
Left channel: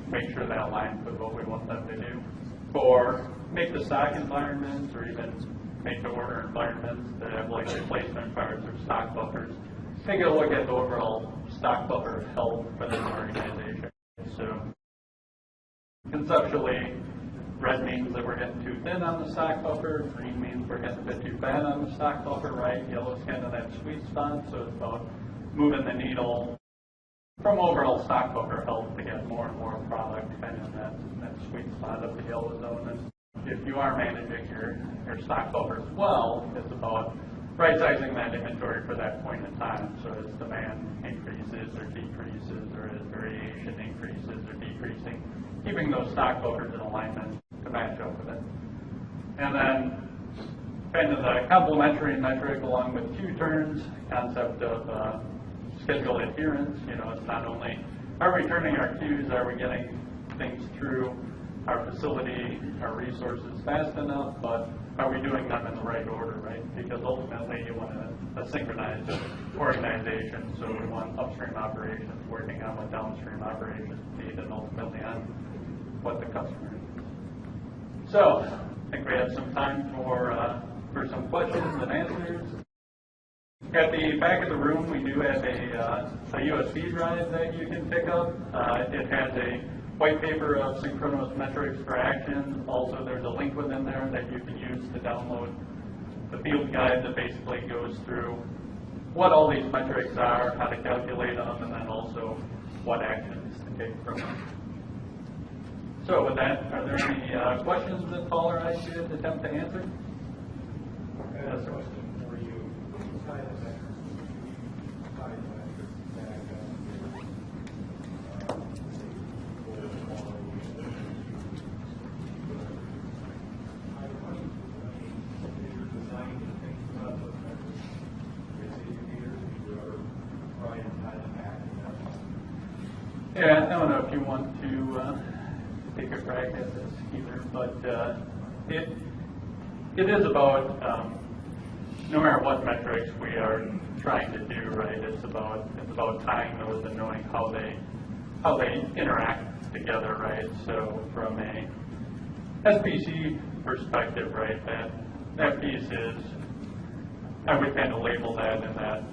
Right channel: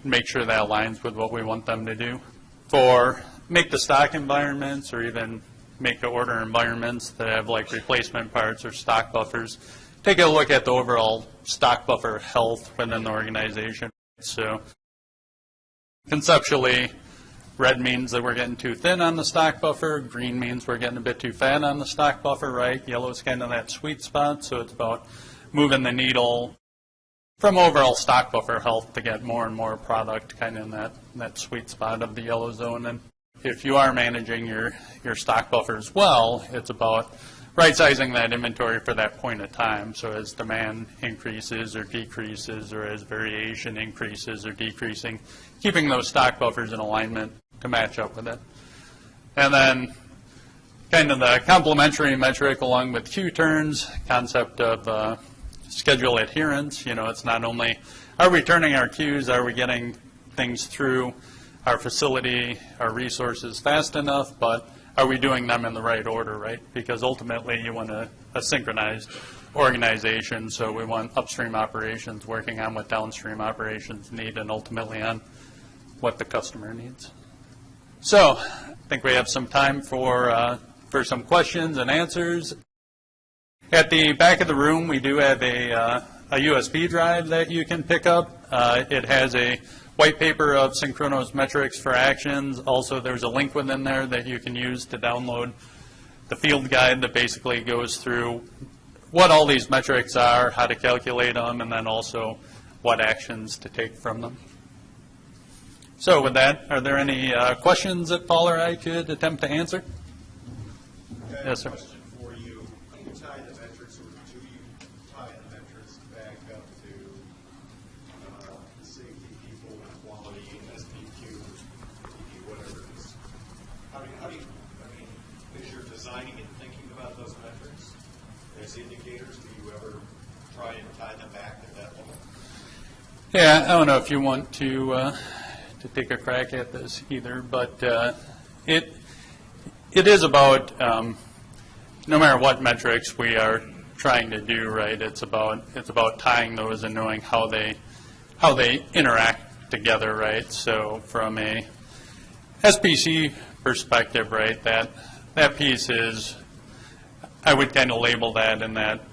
make sure that aligns with what we want them to do. For make-to-stock environments or even make-to-order environments that have like replacement parts or stock buffers, take a look at the overall stock buffer health within the organization. So conceptually, red means that we're getting too thin on the stock buffer. Green means we're getting a bit too fat on the stock buffer, right? Yellow is kind of that sweet spot, so it's about moving the needle from overall stock buffer health to get more and more product kind of in that sweet spot of the yellow zone. And if you are managing your stock buffers well, it's about right-sizing that inventory for that point of time. So as demand increases or decreases, or as variation increases or decreasing, keeping those stock buffers in alignment to match up with it. And then kind of the complementary metric along with queue turns, concept of schedule adherence. You know, it's not only are we turning our queues, are we getting things through our facility, our resources fast enough, but are we doing them in the right order, right? Because ultimately you want a synchronized organization, so we want upstream operations working on what downstream operations need and ultimately on what the customer needs. So I think we have some time for some questions and answers. At the back of the room, we do have a USB drive that you can pick up. It has a white paper of Synchrono's metrics for actions. Also, there's a link within there that you can use to download the field guide that basically goes through what all these metrics are, how to calculate them, and then also what actions to take from them. So with that, are there any questions that Paul or I could attempt to answer? Yes, sir. Yeah, I don't know if you want to take a crack at this either, but it is about no matter what metrics we are trying to do, right? It's about tying those and knowing how they interact together, right? So from a SPC perspective, right, that piece is, I would kind of label that in that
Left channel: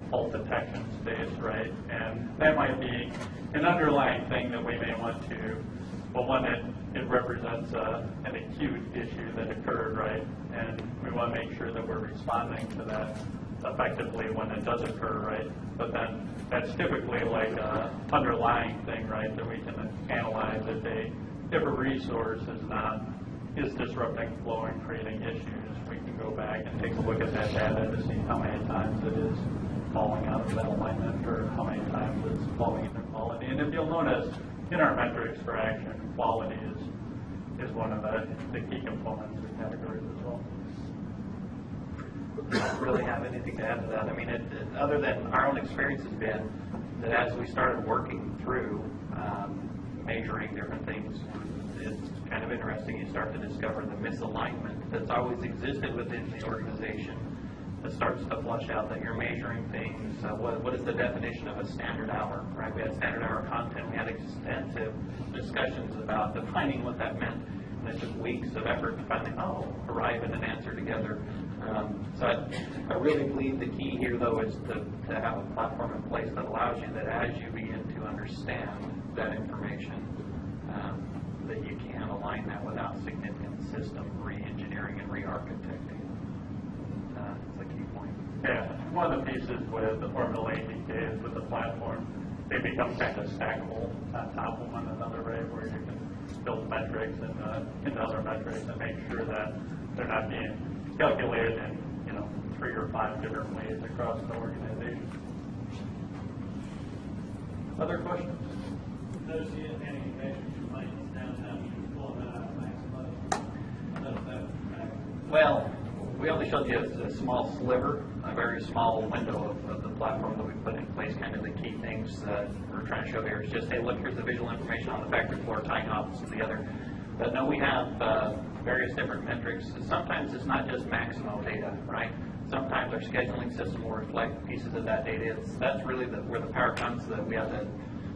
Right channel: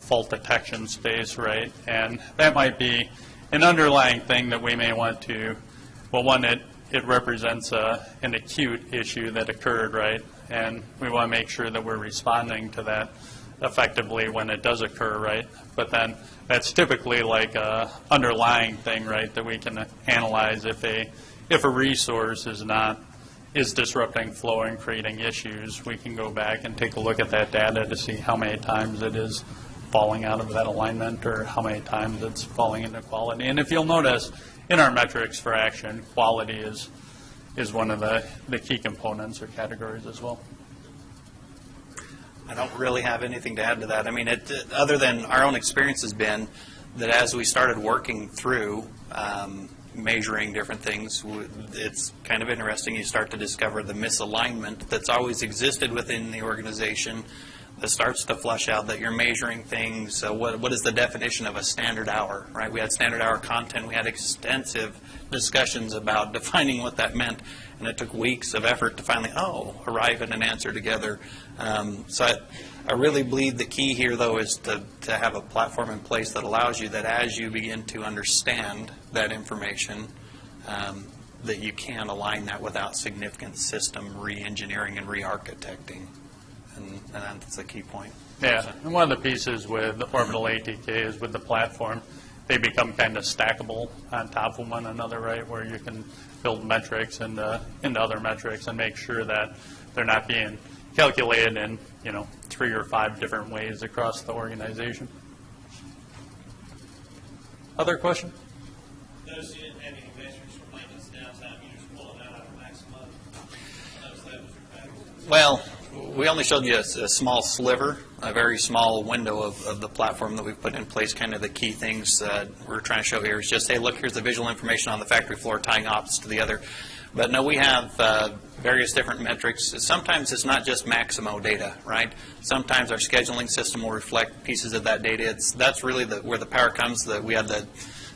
fault detection space, right? And that might be an underlying thing that we may want to, well, one, it represents an acute issue that occurred, right? And we want to make sure that we're responding to that effectively when it does occur, right? But then that's typically like a underlying thing, right, that we can analyze if a resource is disrupting flow and creating issues. We can go back and take a look at that data to see how many times it is falling out of that alignment or how many times it's falling into quality. And if you'll notice, in our metrics for action, quality is one of the key components or categories as well. I don't really have anything to add to that. I mean, other than our own experience has been that as we started working through measuring different things, it's kind of interesting. You start to discover the misalignment that's always existed within the organization that starts to flush out that you're measuring things. What is the definition of a standard hour, right? We had standard hour content. We had extensive discussions about defining what that meant, and it took weeks of effort to finally, arrive at an answer together. So I really believe the key here, though, is to have a platform in place that allows you that as you begin to understand that information, that you can align that without significant system re-engineering and re-architecting. And that's the key point. Yeah, and one of the pieces with Orbital ATK is with the platform, they become kind of stackable on top of one another, right, where you can build metrics into other metrics and make sure that they're not being calculated in 3 or 5 different ways across the organization. Other question? Those you didn't have any metrics for maintenance downtime, you just pulling that out of maximum. I noticed that was your back. Well, we only showed you a small sliver, a very small window of the platform that we've put in place. Kind of the key things that we're trying to show here is just, hey, look, here's the visual information on the factory floor tying opposites to the other. But no, we have various different metrics. Sometimes it's not just Maximo data, right? Sometimes our scheduling system will reflect pieces of that data. That's really where the power comes. We had the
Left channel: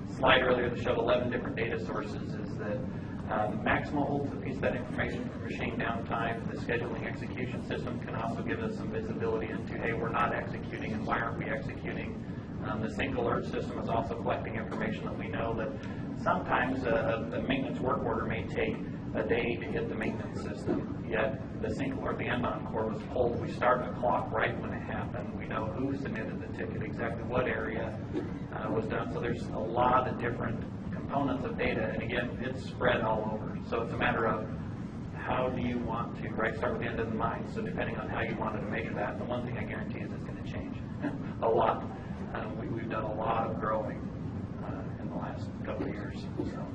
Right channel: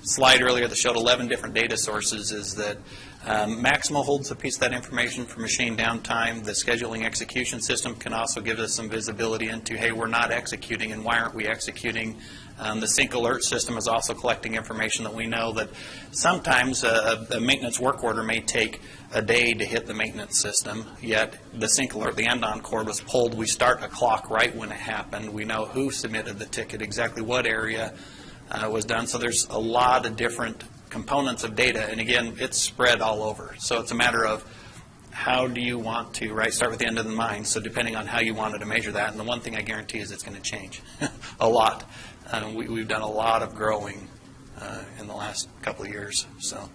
slide earlier that showed 11 different data sources, is that Maximo holds a piece of that information for machine downtime. The scheduling execution system can also give us some visibility into, hey, we're not executing, and why aren't we executing? The sync alert system is also collecting information that we know that sometimes a maintenance work order may take a day to hit the maintenance system, yet the sync alert, the end-on cord was pulled. We start a clock right when it happened. We know who submitted the ticket, exactly what area was done. So there's a lot of different components of data, and again, it's spread all over. So it's a matter of how do you want to, right, start with the end in mind. So depending on how you wanted to measure that, and the one thing I guarantee is it's going to change a lot. We've done a lot of growing in the last couple of years. So,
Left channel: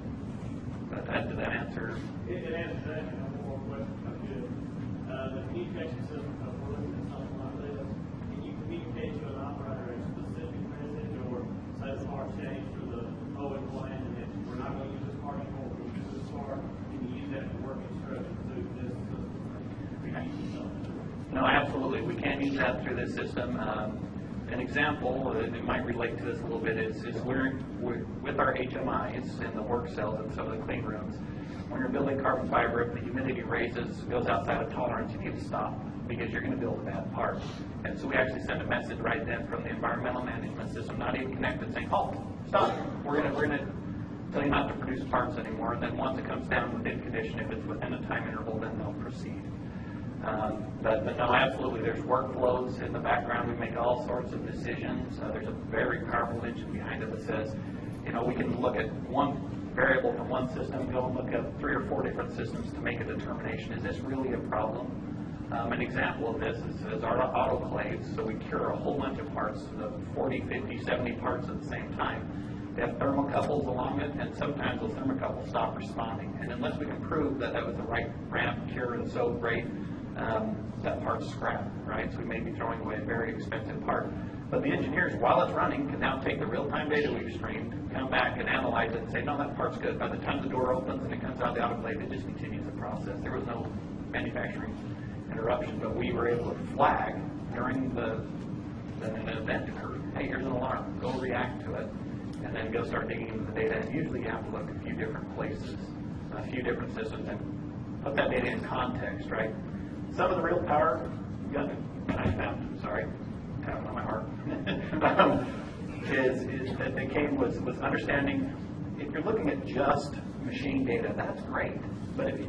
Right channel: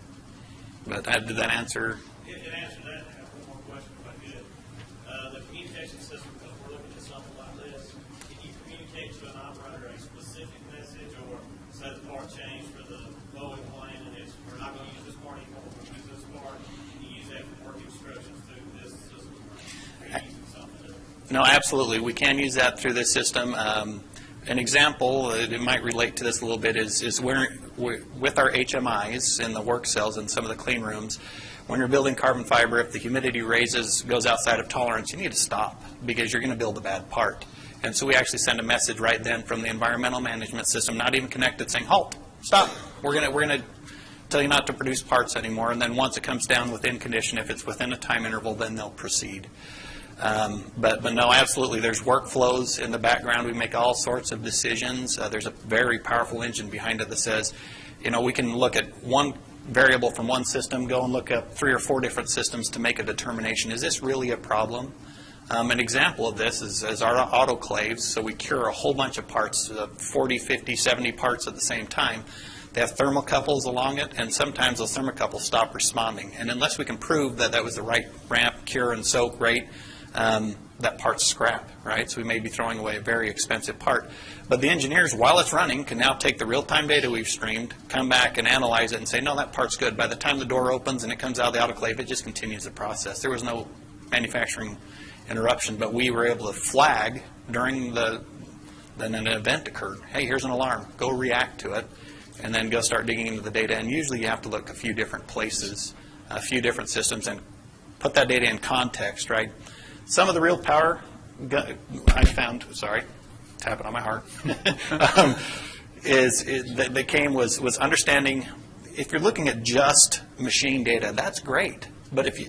but did that answer? It answers that. I have one more question if I could. The communication system, because we're looking at something like this, can you communicate to an operator a specific message, or say the part changed for the Boeing plane and it's, we're not going to use this part anymore, we're going to use this part? Can you use that for work instructions through this system? Or are you using something different? No, absolutely. We can use that through this system. An example, it might relate to this a little bit, is we're with our HMIs in the work cells and some of the clean rooms, when you're building carbon fiber, if the humidity goes outside of tolerance, you need to stop because you're going to build a bad part. And so we actually send a message right then from the environmental management system, not even connected, saying, halt, stop. We're going to tell you not to produce parts anymore. And then once it comes down within condition, if it's within a time interval, then they'll proceed. But no, absolutely, there's workflows in the background. We make all sorts of decisions. There's a very powerful engine behind it that says, you know, we can look at one variable from one system, go and look at 3 or 4 different systems to make a determination. Is this really a problem? An example of this is our autoclaves. So we cure a whole bunch of parts, 40, 50, 70 parts at the same time. They have thermocouples along it, and sometimes those thermocouples stop responding. And unless we can prove that that was the right ramp, cure, and soak rate, that part's scrap, right? So we may be throwing away a very expensive part. But the engineers, while it's running, can now take the real-time data we've streamed, come back and analyze it and say, no, that part's good. By the time the door opens and it comes out of the autoclave, it just continues the process. There was no manufacturing interruption, but we were able to flag during then an event occurred. Hey, here's an alarm. Go react to it, and then go start digging into the data. And usually you have to look a few different places, a few different systems, and put that data in context, right? Some of the real power I found, sorry, tapping on my heart, that came was understanding. If you're looking at just machine data, that's great. But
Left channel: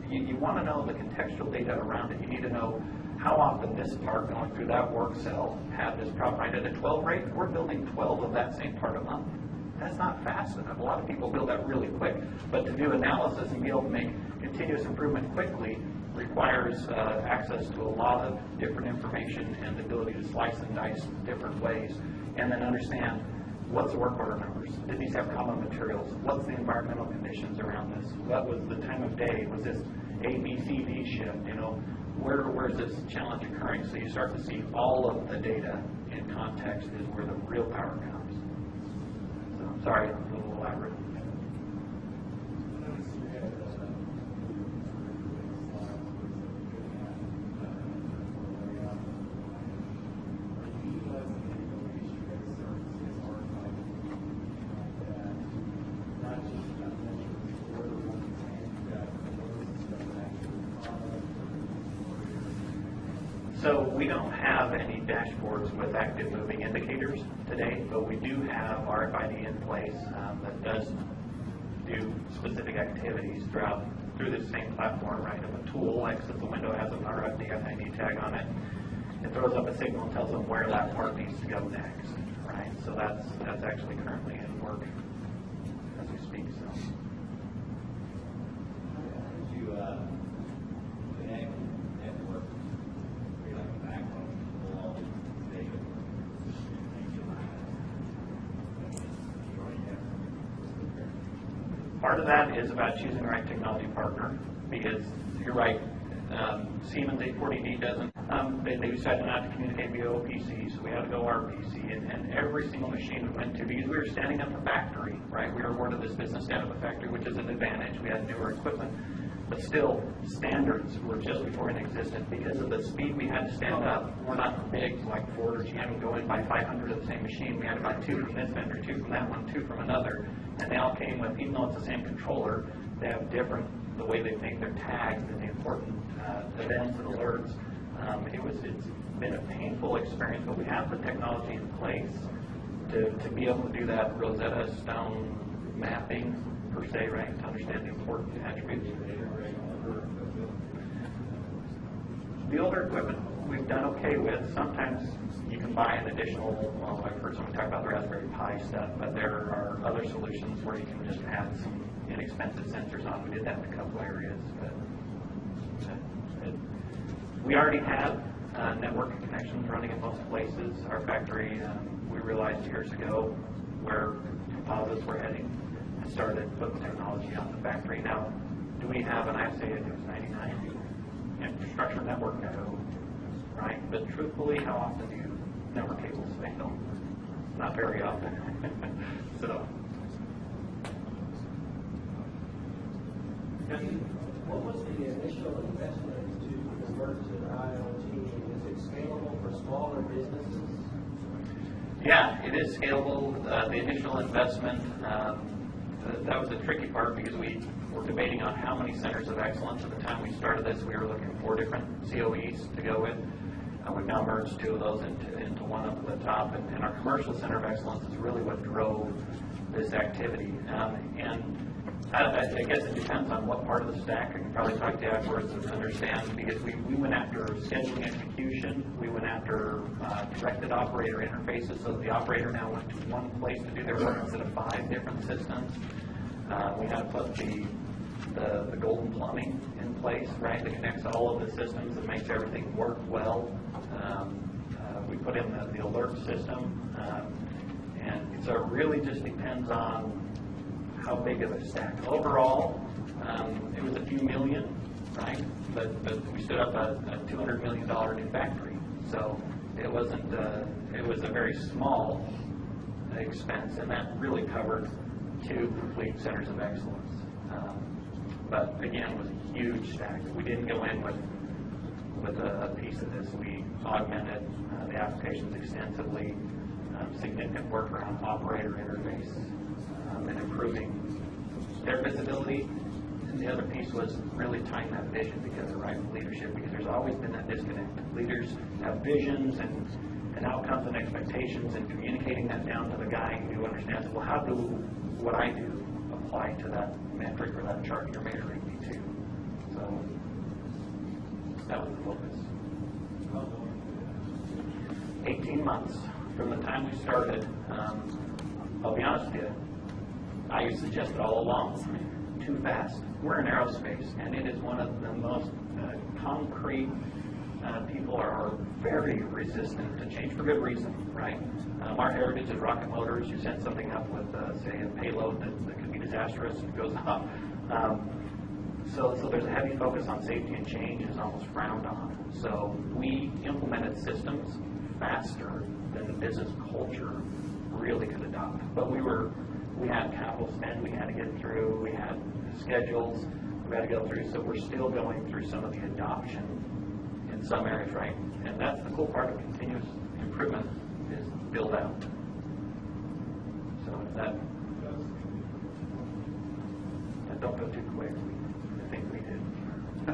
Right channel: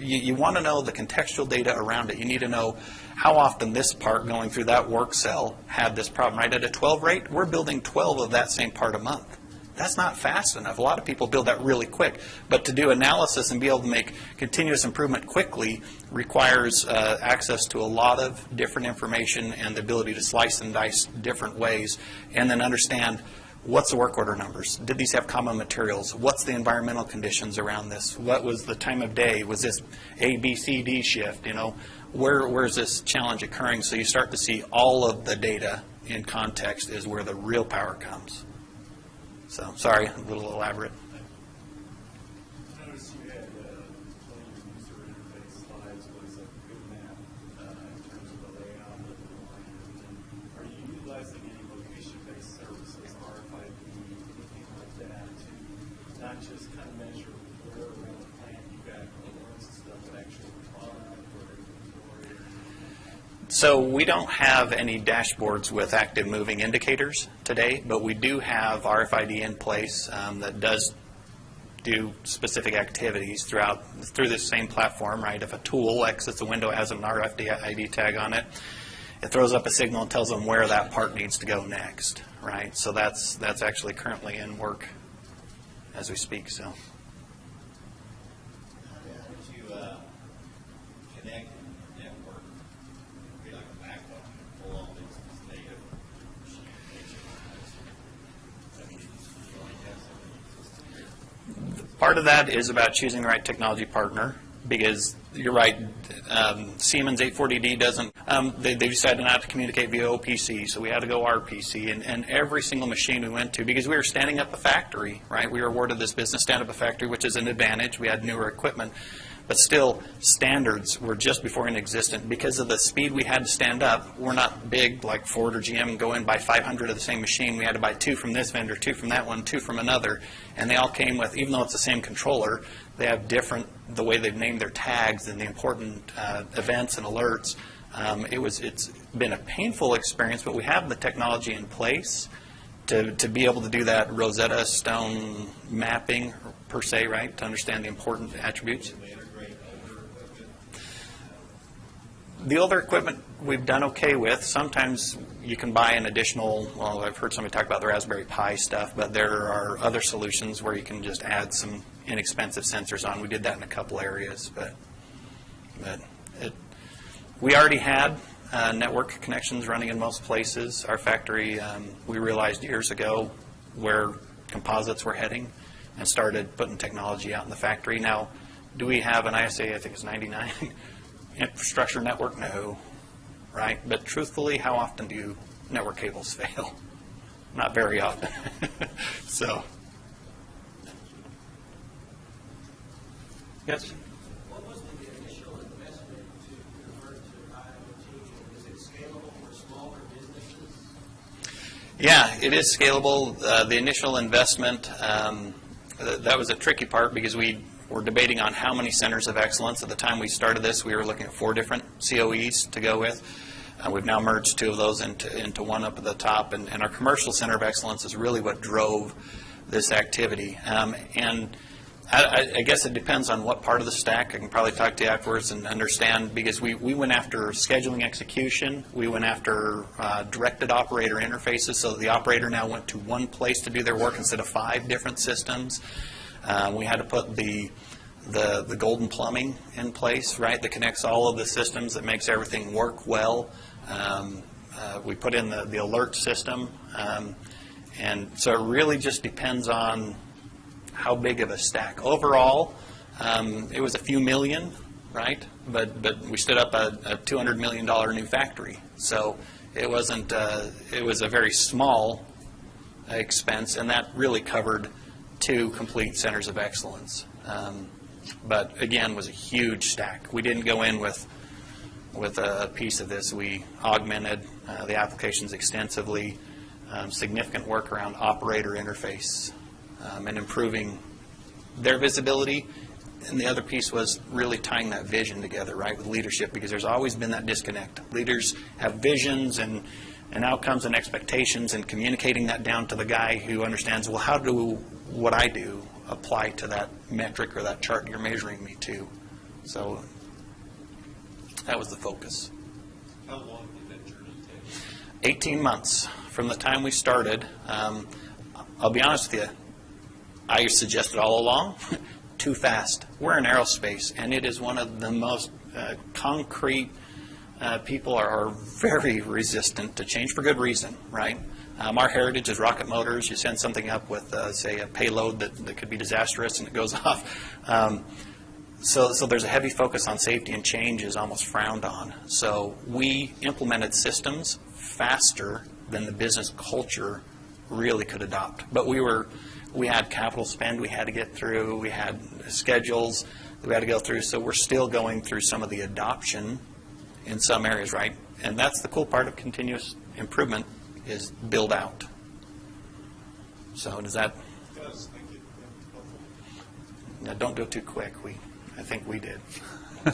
you want to know the contextual data around it. You need to know how often this part going through that work cell had this problem. Right at a 12 rate, we're building 12 of that same part a month. That's not fast enough. A lot of people build that really quick. But to do analysis and be able to make continuous improvement quickly requires access to a lot of different information and the ability to slice and dice different ways, and then understand what's the work order numbers. Did these have common materials? What's the environmental conditions around this? What was the time of day? Was this A, B, C, D shift? You know, where is this challenge occurring? So you start to see all of the data in context is where the real power comes. So, sorry, a little elaborate. Notice you had slides with some good map in terms of the layout of the line. Are you utilizing any location-based services, RFID, like that, to not just kind of measure the order on the plan you've got, but also the actual product? So we don't have any dashboards with active moving indicators today, but we do have RFID in place that does do specific activities through this same platform, right? If a tool exits a window, has an RFID tag on it, it throws up a signal and tells them where that part needs to go next, right? So that's actually currently in work as we speak. So. Part of that is about choosing the right technology partner, because you're right, Siemens 840D doesn't, they decided not to communicate via OPC, so we had to go RPC, and every single machine we went to, because we were standing up a factory, right? We were awarded this business stand up a factory, which is an advantage. We had newer equipment, but still standards were just before inexistent. Because of the speed we had to stand up, we're not big like Ford or GM and go in buy 500 of the same machine. We had to buy 2 from this vendor, 2 from that one, 2 from another, and they all came with, even though it's the same controller, They have different, the way they've named their tags and the important events and alerts. It's been a painful experience, but we have the technology in place to be able to do that Rosetta Stone mapping per se, right, to understand the important attributes. The older equipment we've done okay with. Sometimes you can buy an additional, well, I've heard somebody talk about the Raspberry Pi stuff, but there are other solutions where you can just add some inexpensive sensors on. We did that in a couple areas, but we already had network connections running in most places. Our factory, we realized years ago where composites were heading and started putting technology out in the factory. Now, do we have an ISA, I think it's 99, infrastructure network? No, right? But truthfully, how often do network cables fail? Not very often. So. Yes? What was the initial investment to convert to IoT? Is it scalable for smaller businesses? Yeah, it is scalable. The initial investment, that was a tricky part because we were debating on how many centers of excellence. At the time we started this, we were looking at 4 different COEs to go with. We've now merged 2 of those into one up at the top, and our commercial center of excellence is really what drove this activity. And I guess it depends on what part of the stack. I can probably talk to you afterwards and understand, because we went after scheduling execution. We went after directed operator interfaces, so the operator now went to one place to do their work instead of 5 different systems. We had to put the golden plumbing in place, right, that connects all of the systems, that makes everything work well. We put in the alert system, and so it really just depends on how big of a stack. Overall, it was a few million, right? But we stood up a $200 million new factory, so it wasn't. It was a very small expense, and that really covered 2 complete centers of excellence. But again, was a huge stack. We didn't go in with a piece of this. We augmented the applications extensively. Significant work around operator interface and improving their visibility. And the other piece was really tying that vision together, right, with leadership, because there's always been that disconnect. Leaders have visions and outcomes and expectations, and communicating that down to the guy who understands, well, how do what I do apply to that metric or that chart you're measuring me to? So that was the focus. How long did that journey take? 18 months from the time we started. I'll be honest with you, I suggested all along, too fast. We're in aerospace, and it is one of the most concrete, people are very resistant to change for good reason, right? Our heritage is rocket motors. You send something up with, say, a payload that could be disastrous, and it goes off. So there's a heavy focus on safety, and change is almost frowned on. So we implemented systems faster than the business culture really could adopt. But we had capital spend we had to get through. We had schedules that we had to go through. So we're still going through some of the adoption in some areas, right? And that's the cool part of continuous improvement, is build out. So does that? Now, don't do it too quick. I think we did.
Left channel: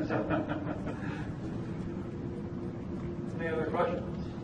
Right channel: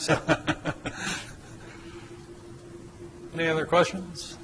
So. Any other questions?